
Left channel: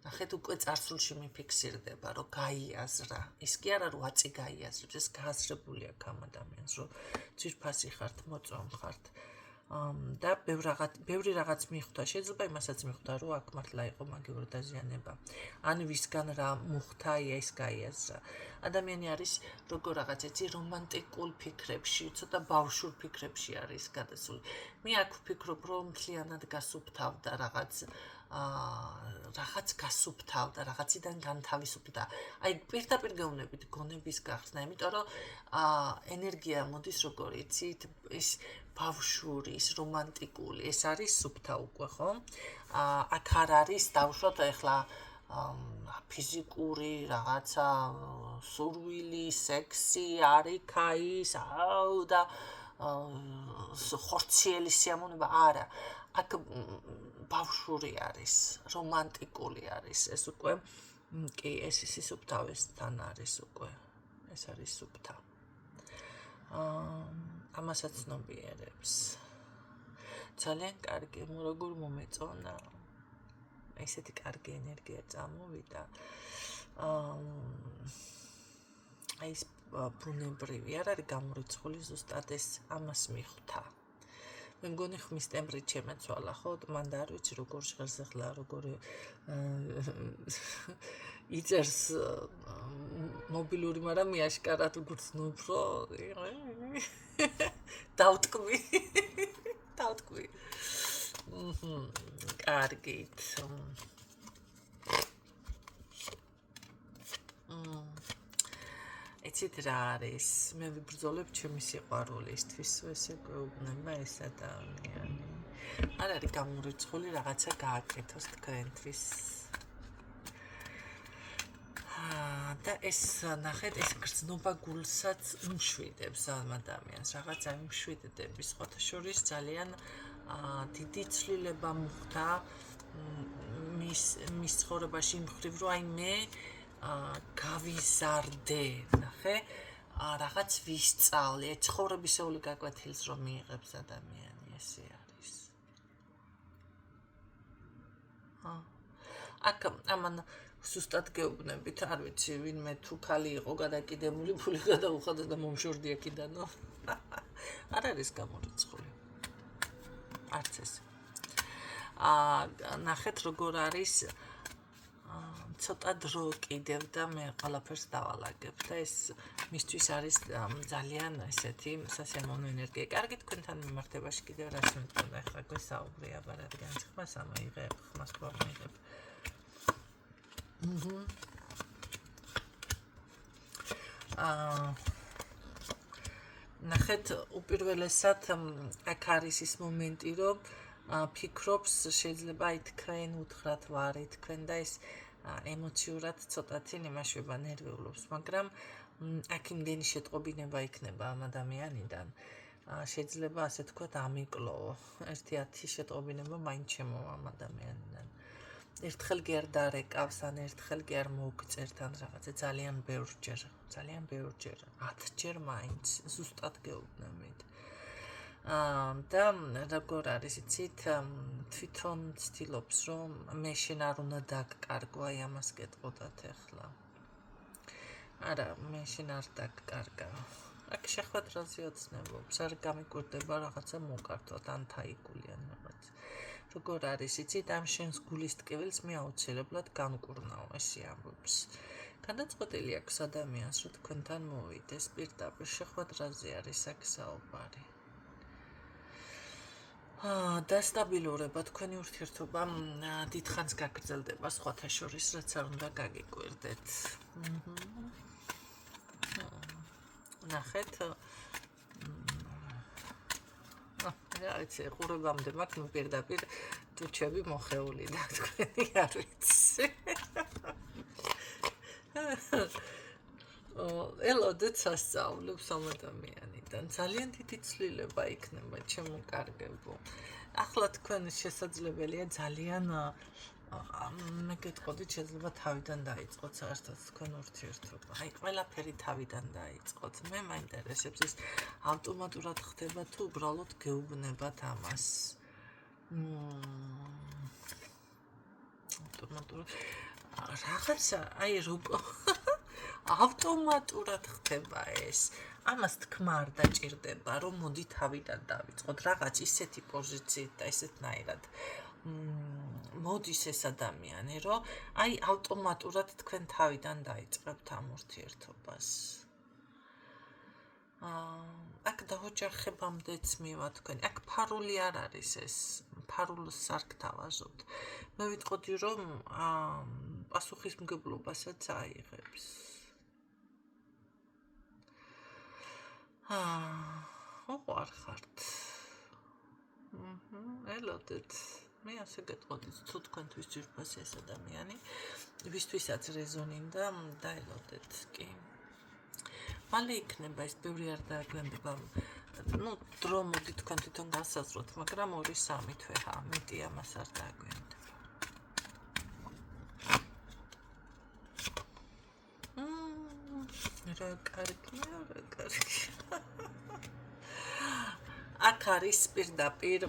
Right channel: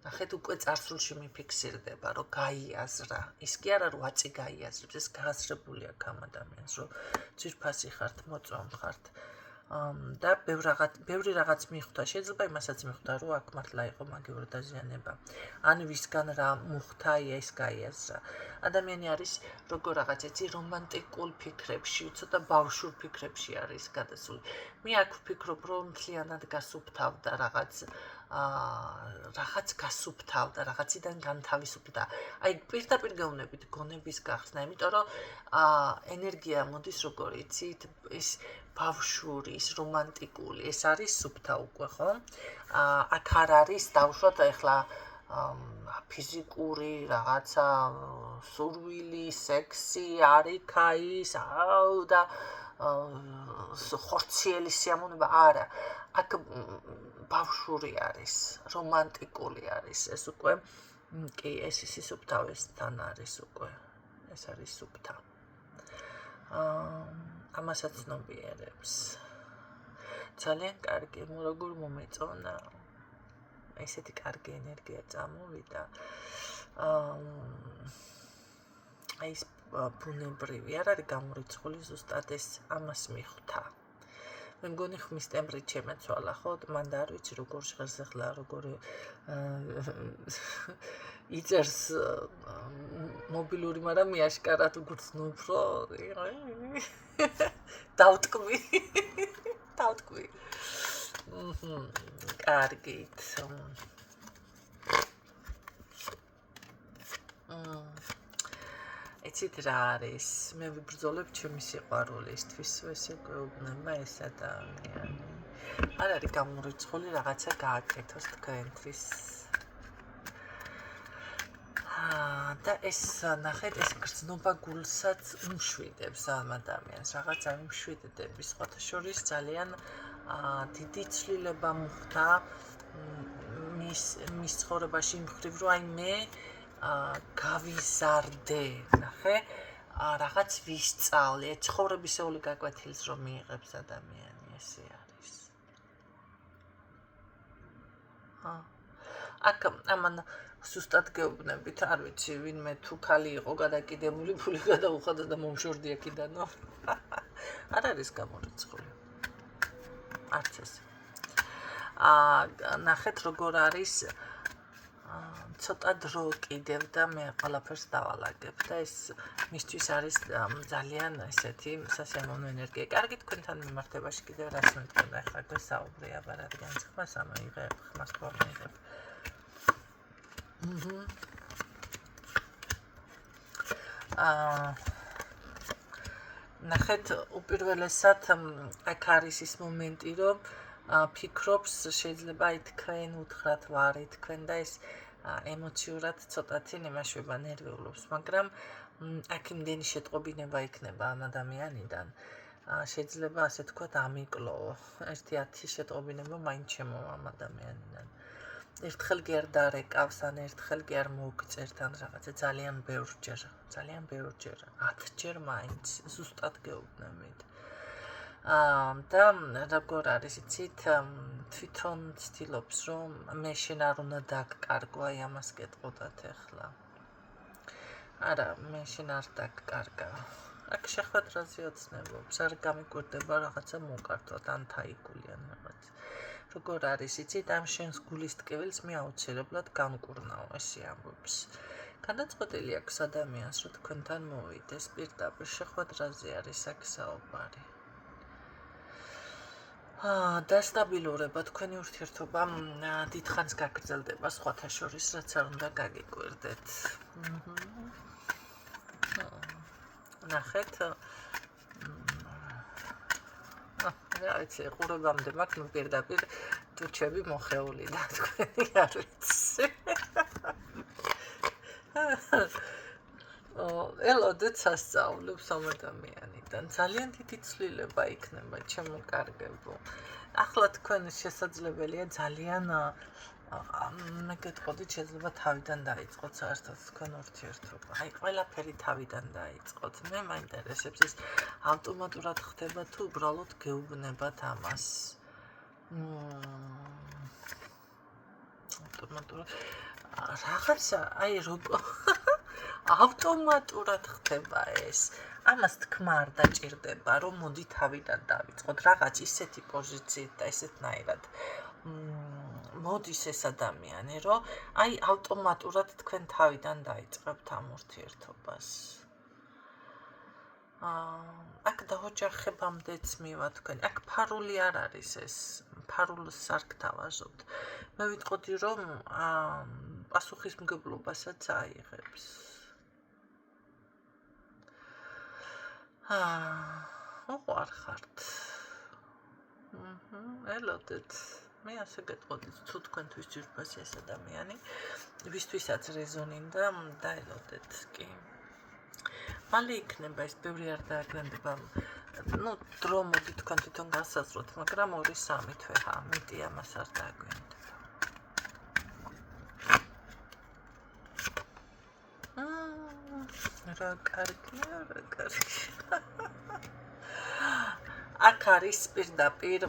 ნახეთ, უკვე წარსულში მიფიქსირდება, რომ გაიაზრა. ის კი არა, რომ აწი გაიაზრებს, ეს გააზრებული აქვს ამ ადამიანს, რომ ძვირფასი ხართ, მოწვამ ხართ. და ბევრი რაღაც მიხვდა, შეიძლება იმასაც მიხვდა, რომ აქ მართლა იყო მაგიური დაზიანება. ან ვისგან რა მოხდა, ეს გაიაზრა. ადამიანი არის როგორ რაღაც ეცი რომანტიკულ ფიქრებში, ცოტა ბავშვურ ფიქრებში არის გადასული. მე აქ ვფიქრობ, რომ მთლიანად გასუფთავდა რაღაც გასუფთავდა, რაღაციდან განთავისუფლდა. აი პირდაპირ გეუბნებით გონების გახსნა, იმიტომ რომ ენერგია მოდის როგორ იცით, ის ბავშვური, ის რომანტიკული, ეს არის სუფთა უკვე, ხო? აქ არ არის დავუშვათ ახლა ფიზიკური რაღაცა სურვილი, სექსი, არიქაის, და ხორციელი სიამოვნება, არა. აქ ბავშვური არის, რომანტიკული არის, ეს უკვე კი ეს სუფთავესთან არის უკვე. ეს არის სუფთა. ამასაც ცნობიერებს. ძალიან კარგი, როგორ მომეწონა. ესეთი კარგი ენერგია წამოვიდა. აი ეს ბუნებრივი არ არის გამორიცხული, ზუსტად ეს ამას მიხვდა. მე მგონი ხმის ტემპრით შემეცვალა, ხო? მან და არ ვიცი როგორ ჟღერს ახლა, როგორ იწერს მობილური, მაგრამ მე აშკარად უგრძნობ, რომ დავტკვი. კარგით. იცით რა არის? მე ვიბრძოლებ ჩემი სიყვარულისთვის, ესე გვეუბნება ეს ადამიანი. არ არის გამორიცხული რაღაცა გააკეთოს თქვენთვის. და ეს ნახეთ, ეს გრძნობა გულსაც უმშვიდებს ამ ადამიანს, რაღაცა უმშვიდდების, სხვათა შორის ძალიან დიდი ცვლილება მოხდა მის ცხოვრებაში იმ მხრივ, რომ აი მე გავიზარდე, ნახე, რაღაც ვისწავლე, ცხოვრებისეული გაკვეთილს რომ მიიღებს ადამიანი, ესე არის. აქ ამან სუსტად გეუბნებით, არ ვიცი, ვინმე თუ ქალი იყო გადაკიდებული, ფული გადაუხადა და მომშორდი აქიდანო. არ არის გამორიცხული. არც ეს. ნახეთ როგორ არის ცოტა დრო კიდევ და მე ყველაფერს დავალაგებ და ეს მისთვის არის ძალიან ესეთი სასიამოვნო ენერგია. კარგი თქვენთან მიმართებაში კიდევ რას მეთქვა ახლა გვესაუბრე აბა რადგან ხმას ამაიღებ, ხმას თუ ამაიღებ. ნახეთ, უპირველესად აქ არის ის მომენტი, რომ ფიქრობს შეიძლება აი თქვენ უთხრათ ვარი თქვენ და ეს ემოციურად ცოტათი იმაშვება, ნერვიულობს, მაგრამ აქ იმდენი შეტყობინება იქნება ამ ადამიანიდან. შეიძლება ასე თქვათ ამიკლო, 1-10 შეტყობინება მაინც შემოვა ამ ადამიანიდან. ერთხელ კი არ დარეკავს, ან ერთხელ კი არ მოგწერთ, ან რაღაცა ძალიან ბევრჯერ, 10ჯერ მაინც, ზუსტად გეუბნებით. და როგორ არის, იცით, თვითონ ცდილობს, რომ მე შენ არ უნდა დაგკარგო, აი ამას გეტყოდათ ახლა. არა, მე შენ არ დაგკარგა. აქ შეხვედრაზე ოცნებობს, არ გამიკვირდება რაღაცა მოკართოთ, ან თაიგული ან რაღაც. როგორ არის, იცით, ამ შენს გულის ტკივილს მე აუცილებლად განკურნაო, ესე ამბობს. განაწყვეტილი აქვს ადამიანს, რომ თქვენთან მოვიდეს, პირდაპირ შეხვედრაზე არის აქ საუბარი. დასტაბილურება, თქვენი ურთიერთობა დიდხანს გაგრძელდება, სხვათა შორის, რაც არ უნდა გაგიკვირდეთ. ნახეთ, რა ვიცი, ყურებამდე მაქვს პირდაპირ ტუჩები მოხეული და თქვენი არ ვიცი. ელოდეთ სასწაულებს ამ ადამიანიდან. ძალიან დიდი ცვლილება იქნება, ჩემო კარგებო. ახლა თქვენ შესაძლებელია ძალიან მე გეტყოდით, შეიძლება თავიდან დაიწყოთ საერთოდ თქვენ ურთიერთობა. აი, ყველაფერი თავიდან დაიწყოთ. მე მაინტერესებს ის ავტომატურად ხდება თუ უბრალოდ გეუბნებათ ამას. ავტომატურად რაღაცა, აი როგორ ავტომატურად ხდება ეს. ამას თქმა არ დაჭირდება, რომ მოდი თავიდან დავიწყოთ. რაღაც ისეთი პოზიციით და ესეთნაირად მოდის ეს ადამიანი, რომ აი ავტომატურად თქვენ თავიდან დაიწყებთ ამ ურთიერთობას. აქ დაოჯახებამდეც მივა თქვენ. აქ ფარული არ არის ეს, ფარულს არ გთავაზობთ. მე ვიტყოდი, რომ პასუხისმგებლობასაც აიღებს. უყვარ ხართ. ელოდეთ. მე ასე გეტყოდით, თუ თქვენთვის ძვირფასი ეს ადამიანი, ვისთვისაც რეზონინდა, დაელოდეთ კი. მალე იქნება ეს ბევრი არ დააგვიანდება. დრო მოდი თქვენ თვითონ გასაზროთ, მაგრამ 2-3 თვე მეტი ამას არ დააგვიანდება. რა კარგია, რა კარგია. აქ არის პირდაპირ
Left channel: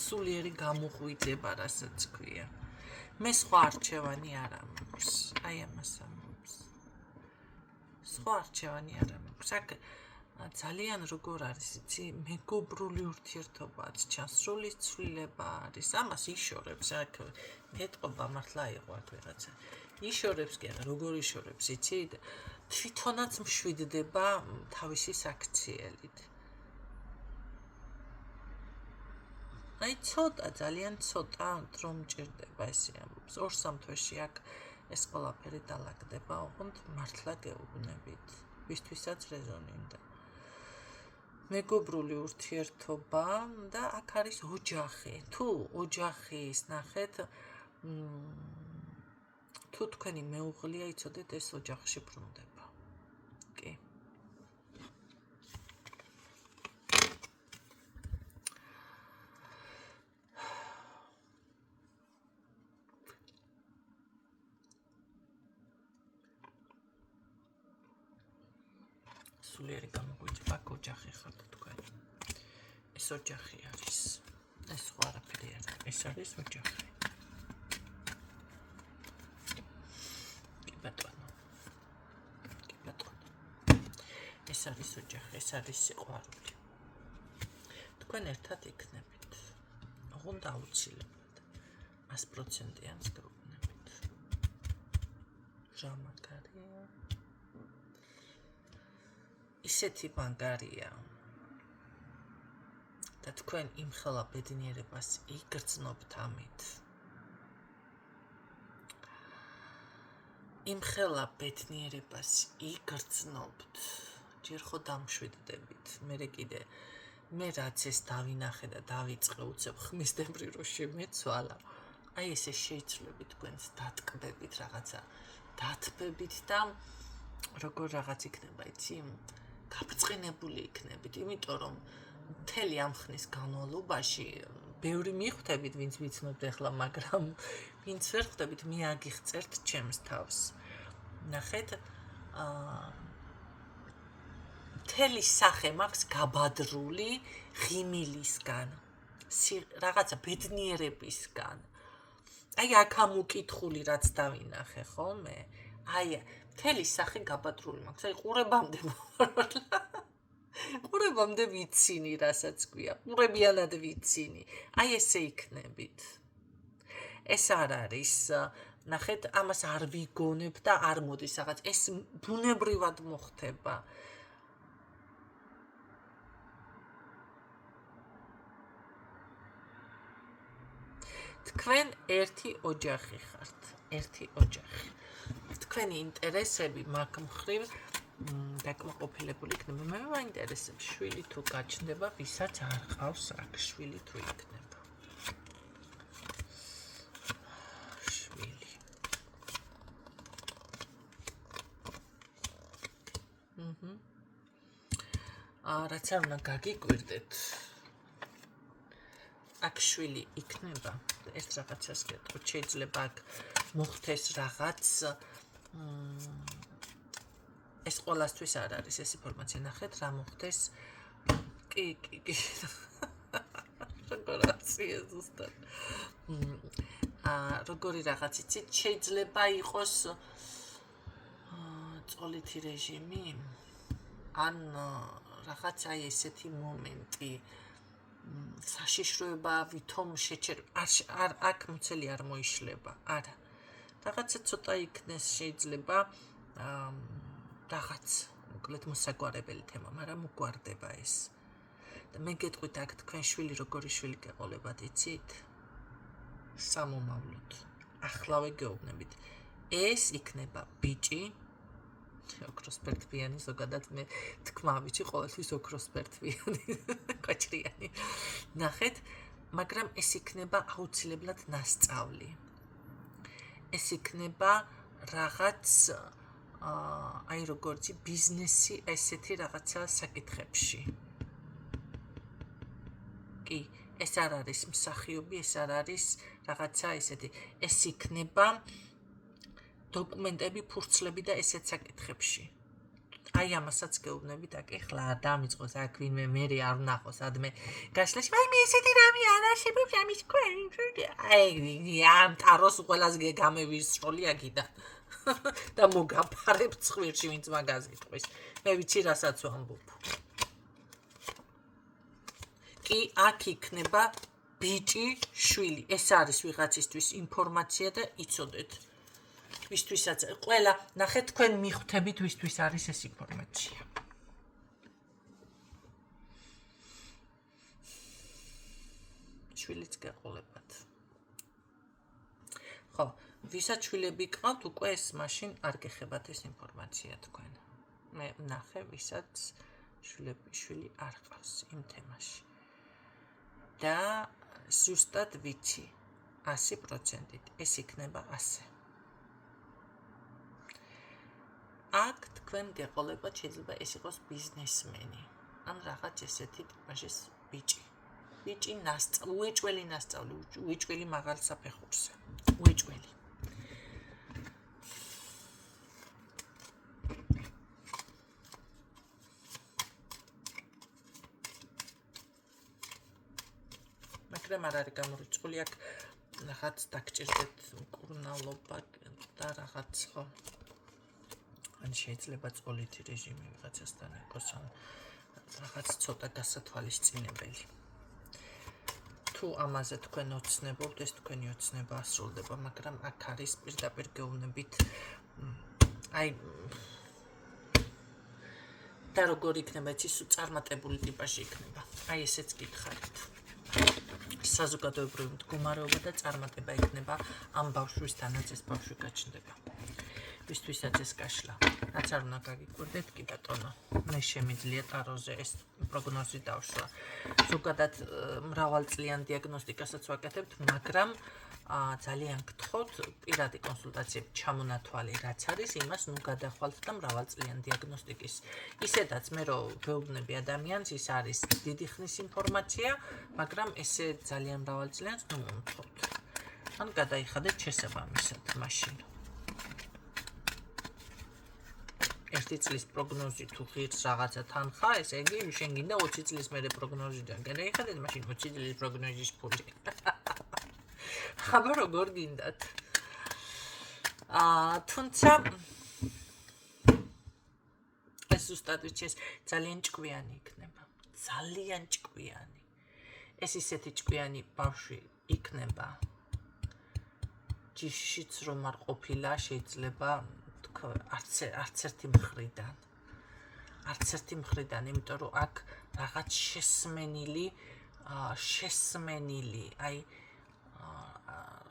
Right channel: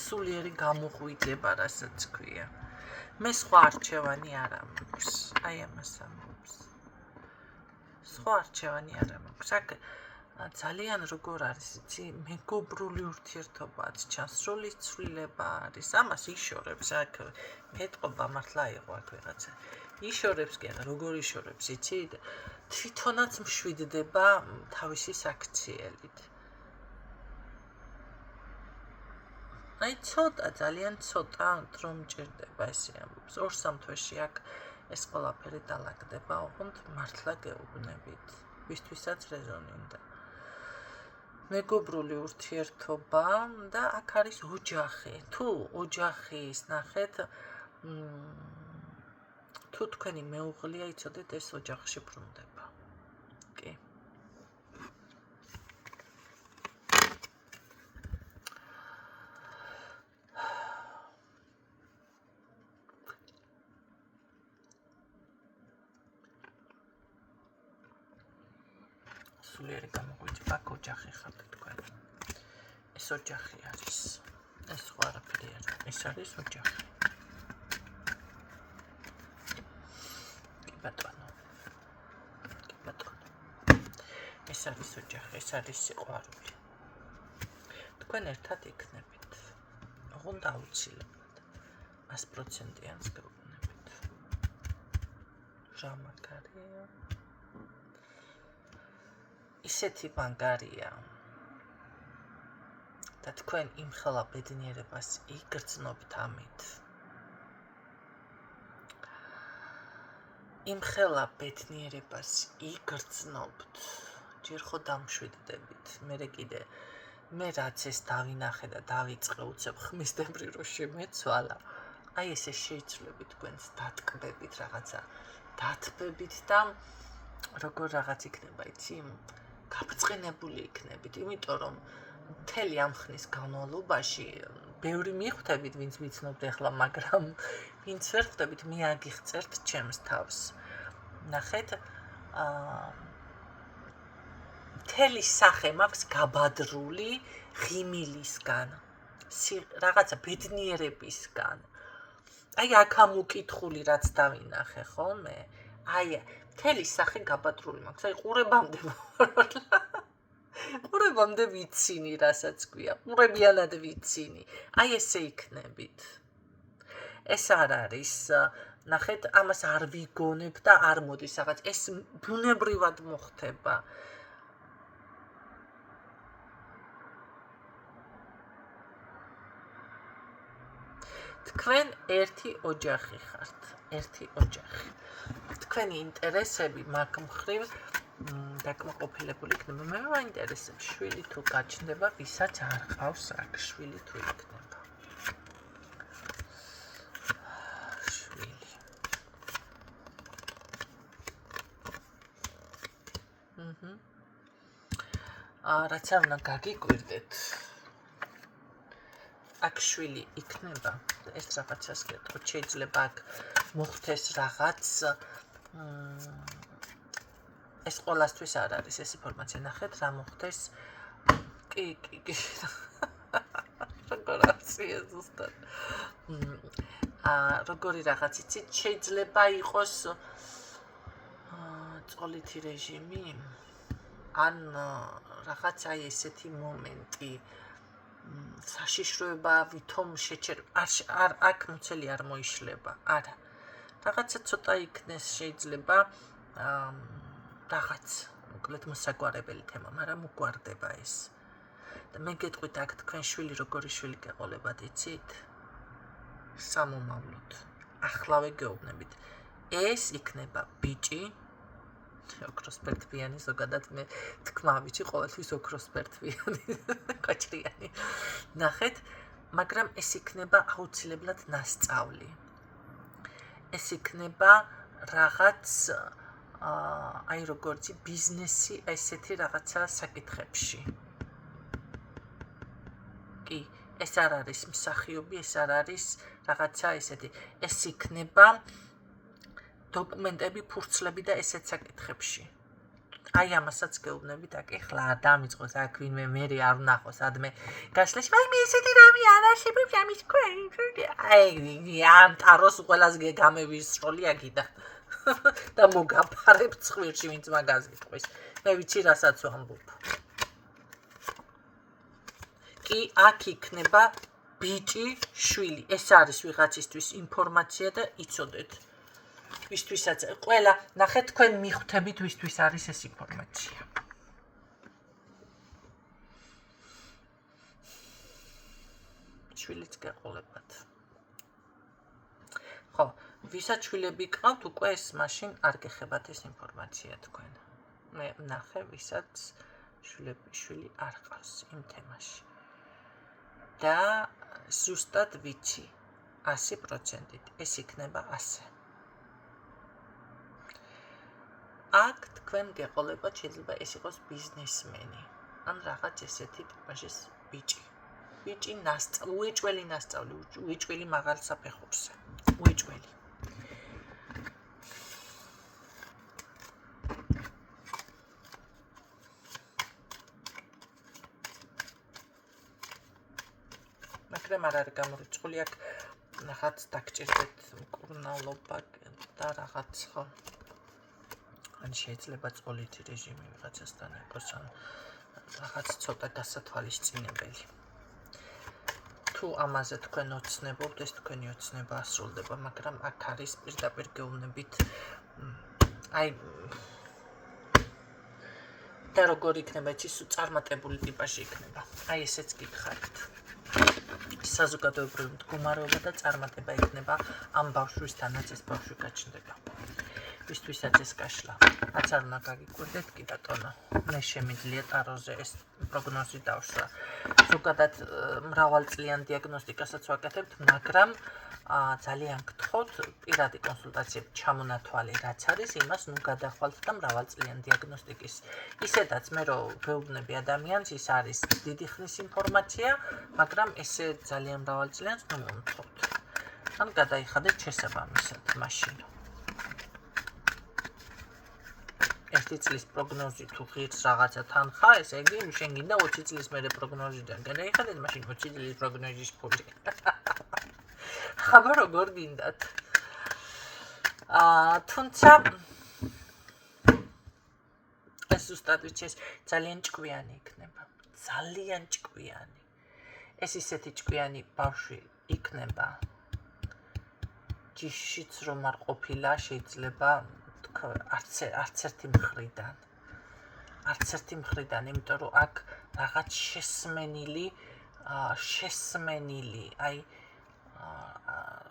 სულიერი გამოღვიძება, რასაც ქვია. მე სხვა არჩევანი არ ამოქვს, აი ამას ამბობს. სხვა არჩევანი არ ამოქვს. აქ ძალიან როგორ არის, იცი, მეგობრული ურთიერთობაც, ჩასროლის ცვლილება არის. ამას იშორებს, აქ მეტყობა მართლა იყო აქ ვიღაცა. იშორებს კი არა, როგორ იშორებს, იცით? თვითონაც მშვიდდება თავისი საქციელით. აი ცოტა, ძალიან ცოტა დრო მჭირდება ესე ამბობს. 2-3 თვეში აქ ეს ყველაფერი დალაგდება, ოღონდ მართლა გეუბნებით. ვისთვისაც რეზონი უნდა. მეგობრული ურთიერთობა და აქ არის ოჯახი. თუ ოჯახის ნახეთ, თუ თქვენი მეუღლეა, იცოდეთ ეს ოჯახში ბრუნდება. კი. სულიერი გამოგვიჭრა ოჯახი ხართ თქვენ. ეს ოჯახი არის. ეს სხვა არაფერი არა. ეს არის ოჯახი. კი ბატონო. ეს არის ოჯახი, ეს არის სიყვარული. თქვენ ერთად იქნებით. ოღონდ აუცილებლად 100%-იანს გეუბნებით. რა მაგარია. ისეთი მაგარია და თქვენ იმხელა ბედნიერებას იგრძნობთ ამით. იმხელა ბედნიერებას იგრძნობთ. ჯერ ხო დამშვიდდებით. მე რაც ეს დავინახე და დავიწყე უცებ ხმისდებრი რო შემეცვალა. აი ესე შეიძლება თქვენს დატკბებით რაღაცა დათბებით და როგორ რაღაც იქნება, იცი? გაბწყინებული იქნებით, იმიტომ რომ მთელი ამ ხნის განმავლობაში ბევრი მიხვდებით, ვინც ვიცნობთ ახლა, მაგრამ ვინც ვერ ხვდებით, მე აგიღწერთ ჩემს თავს. ნახეთ, მთელი სახე მაქვს გაბადრული ღიმილისგან, რაღაცა ბედნიერებისგან. აი აქ ამ უკითხული რაც დავინახე ხოლმე, აი მთელი სახე გაბადრული მაქვს, აი ყურებამდე ვიცინი, რასაც გვია, ყურებიანად ვიცინი, აი ესე იქნებით. ეს არ არის, ნახეთ, ამას არ ვიგონებ და არ მოდის რაღაც, ეს ბუნებრივად მოხდება. თქვენ ერთი ოჯახი ხართ, ერთი ოჯახი. თქვენი ინტერესები მაგ მხრივ დაკმაყოფილებული იქნება. მე მაინტერესებს შვილი თუ გაჩნდება, ვისაც არ ყავს აქ შვილი თუ იქნება. შვილი. რაცა უნდა გაგიკვირდეთ. აქ შვილი იქნება. ეს რაღაცას გეტყვით, შეიძლება აქ მოხდეს რაღაც ეს ყველასთვის არ არის ეს ინფორმაცია, ნახეთ რა მოხდეს. კი. როგორ აცია ზუსტად. როგორი რაღაც იცით, შეიძლება იყოს წოლითი რეჟიმი, ან რაღაც აი ესეთი მომენტი. საშიშროება ვითომ არ აქ მოცელი არ მოიშლება. არა. რაღაცა ცოტა იქნეს შეიძლება რაღაც მოკლედ მოსაგვარებელი თემა, მაგრამ უგვარდება ეს. და მე გეტყვით აქ თქვენ შვილი როგორი შვილი გეყოლებათ, იცით? სამომავლოდ. ახლავე გეუბნებით. ეს იქნება ბიჭი ოქროსფერთვიანი, ზოგადად მე თქმა ბიჭი ყოველთვის ოქროსფერთვიანი, კოჭრიანი. ნახეთ, მაგრამ ეს იქნება აუცილებლად ნასწავლი. ეს იქნება რაღაც აი როგორც ბიზნესი ესეთი რაღაცა საკითხებში. კი, ეს არ არის მსახიობი, ეს არ არის რაღაცა ესეთი. ეს იქნება დოკუმენტები, ფურცლები და ესეთ საკითხებში. აი ამასაც გეუბნებით, აქ ეხლა არ დამიწყოს აქ ვინმე მერე არ ვნახოს ადმე გასლაში, აი მე ესეთი რამე არ არსებობს ამის ქვენ. აი ამ ტაროს ყველას გამევისროლი აქიდან. და მოგაფარებ ცხვირში, ვინც მაგას იტყვის. მე ვიცი რასაც ვამბობ. კი, აქ იქნება ბიჭი, შვილი. ეს არის ვიღაცისთვის ინფორმაცია და იცოდეთ. ვისთვისაც ყველა, ნახეთ, თქვენ მიხვდებით ვისთვის არის ეს ინფორმაცია. შვილიც გეყოლებათ. ხო, ვისაც შვილები გყავთ, უკვე ეს მაშინ არ გეხებათ ეს ინფორმაცია თქვენ. მე ნახე, ვისაც შვილი არ ყავს იმ თემაში. და ზუსტად ვიცი 100%-ით ეს იქნება ასე. აქ თქვენ გეყოლებათ, შეიძლება ეს იყოს ბიზნესმენი, ან რაღაც ესეთი ტიპაჟის ბიჭი. უეჭველი ნასწავლი, უეჭველი მაღალ საფეხურზე. უეჭველი. მაგრამ არ არის გამორიცხული, აქ რაღაც დაგჭირდეთ მკურნალობა და რაღაც ხო. ან შეიძლება წოლითი რეჟიმი ვიღაცასთან იყოს, ან რაღაც ცოტა დასათვალისწინებელი. თუ ამაზე თქვენ ოცნებობთ, ეს თქვენი ოცნება ასრულდება, მაგრამ აქ არის პირდაპირ გეუბნებით, და როგორ იქნება, იცი, წარმატებული ტიპაჟი იქნება. ესეც გითხარით. საზოგადოებრივი მდგომარეობა და წარმატება იქნება ამ ბავშვისთანაც ეს ბავშვი გაჩნდება. ვისთვისაც ეს გაშლა. რაც არ უნდა გაგიკვირდეთ კი ბატონო. მე შემიძლია ტაროზე ეს პროგნოზი დავშვა. ზოგადად მრავალწლიან დიაგნოსტიკასაც ვაკეთებთ, მაგრამ ძალიან გთხოვთ პირადი კონსულტაციებით ჩამონათვალი რაც არის, იმას ნუ გადახვალთ და მრავალწლიან დიაგნოსტიკის. ისედაც მე რო ვეუბნები ადამიანს, ის არის დიდი ხნის ინფორმაცია, მაგრამ ესე ძალიან მრავალწლიანს ნუ მომთხოვთ. ან გადაიხადეთ შესაბამისად მაშინ. 1 წლის პროგნოზი თუ ღირს რაღაცა თანხა, ესე იგი შენ გინდა 20 წლის მერე პროგნოზიდან გადაიხადეთ, მაშინ 20 წლის პროგნოზის ფული. აბა როგორ გინდათ? თუმცა ეს ზუსტად ვიცი, ეს ძალიან ჭკვიანი იქნება. ძალიან ჭკვიანი. ეს ისეთი ჭკვიანი ბავშვი იქნება. ჯიშიც რომ არ ყოფილა, შეიძლება არც ერთი მხრიდან. არც ერთი მხრიდან, იმიტომ რომ აქ რაღაც შესმენილი,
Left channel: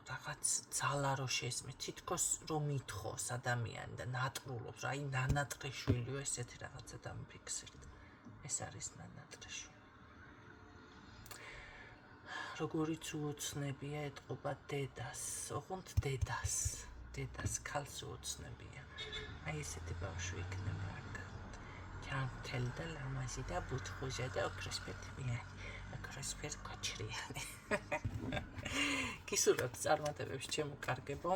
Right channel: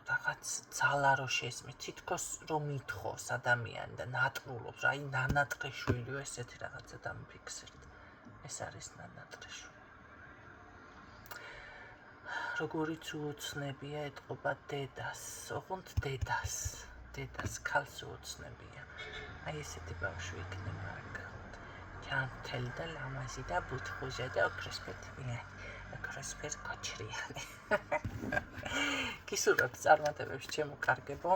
რაღაც ძალა რო შესმის, თითქოს რომ ითხოვს ადამიანი და ნატრულობს, ნანატყე შვილი, ესეთი რაღაცა დამიფიქსირდა. ეს არის ნანატყე შვილი. როგორიც უოცნებია ეტყობა დედას, ოღონდ დედას ქალს უოცნებია. ესეთი ბავშვი იქნება აქ. ჯანმრთელი და ლამაზი და ბუთხუჟა და ოქროსფერ კოჩრიანი. გისურვებთ წარმატებებს ჩემო კარგებო.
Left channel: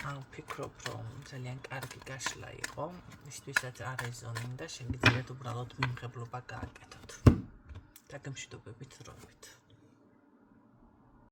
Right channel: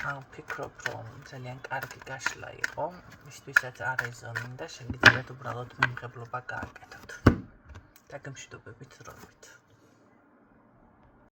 ვფიქრობ, რომ ძალიან კარგი გაშლა იყო, ვისთვისაც არ ეზონინდა, შეგიძლიათ უბრალოდ მიმღებლობა გააკეთოთ. დაგემშვიდობებით რომით.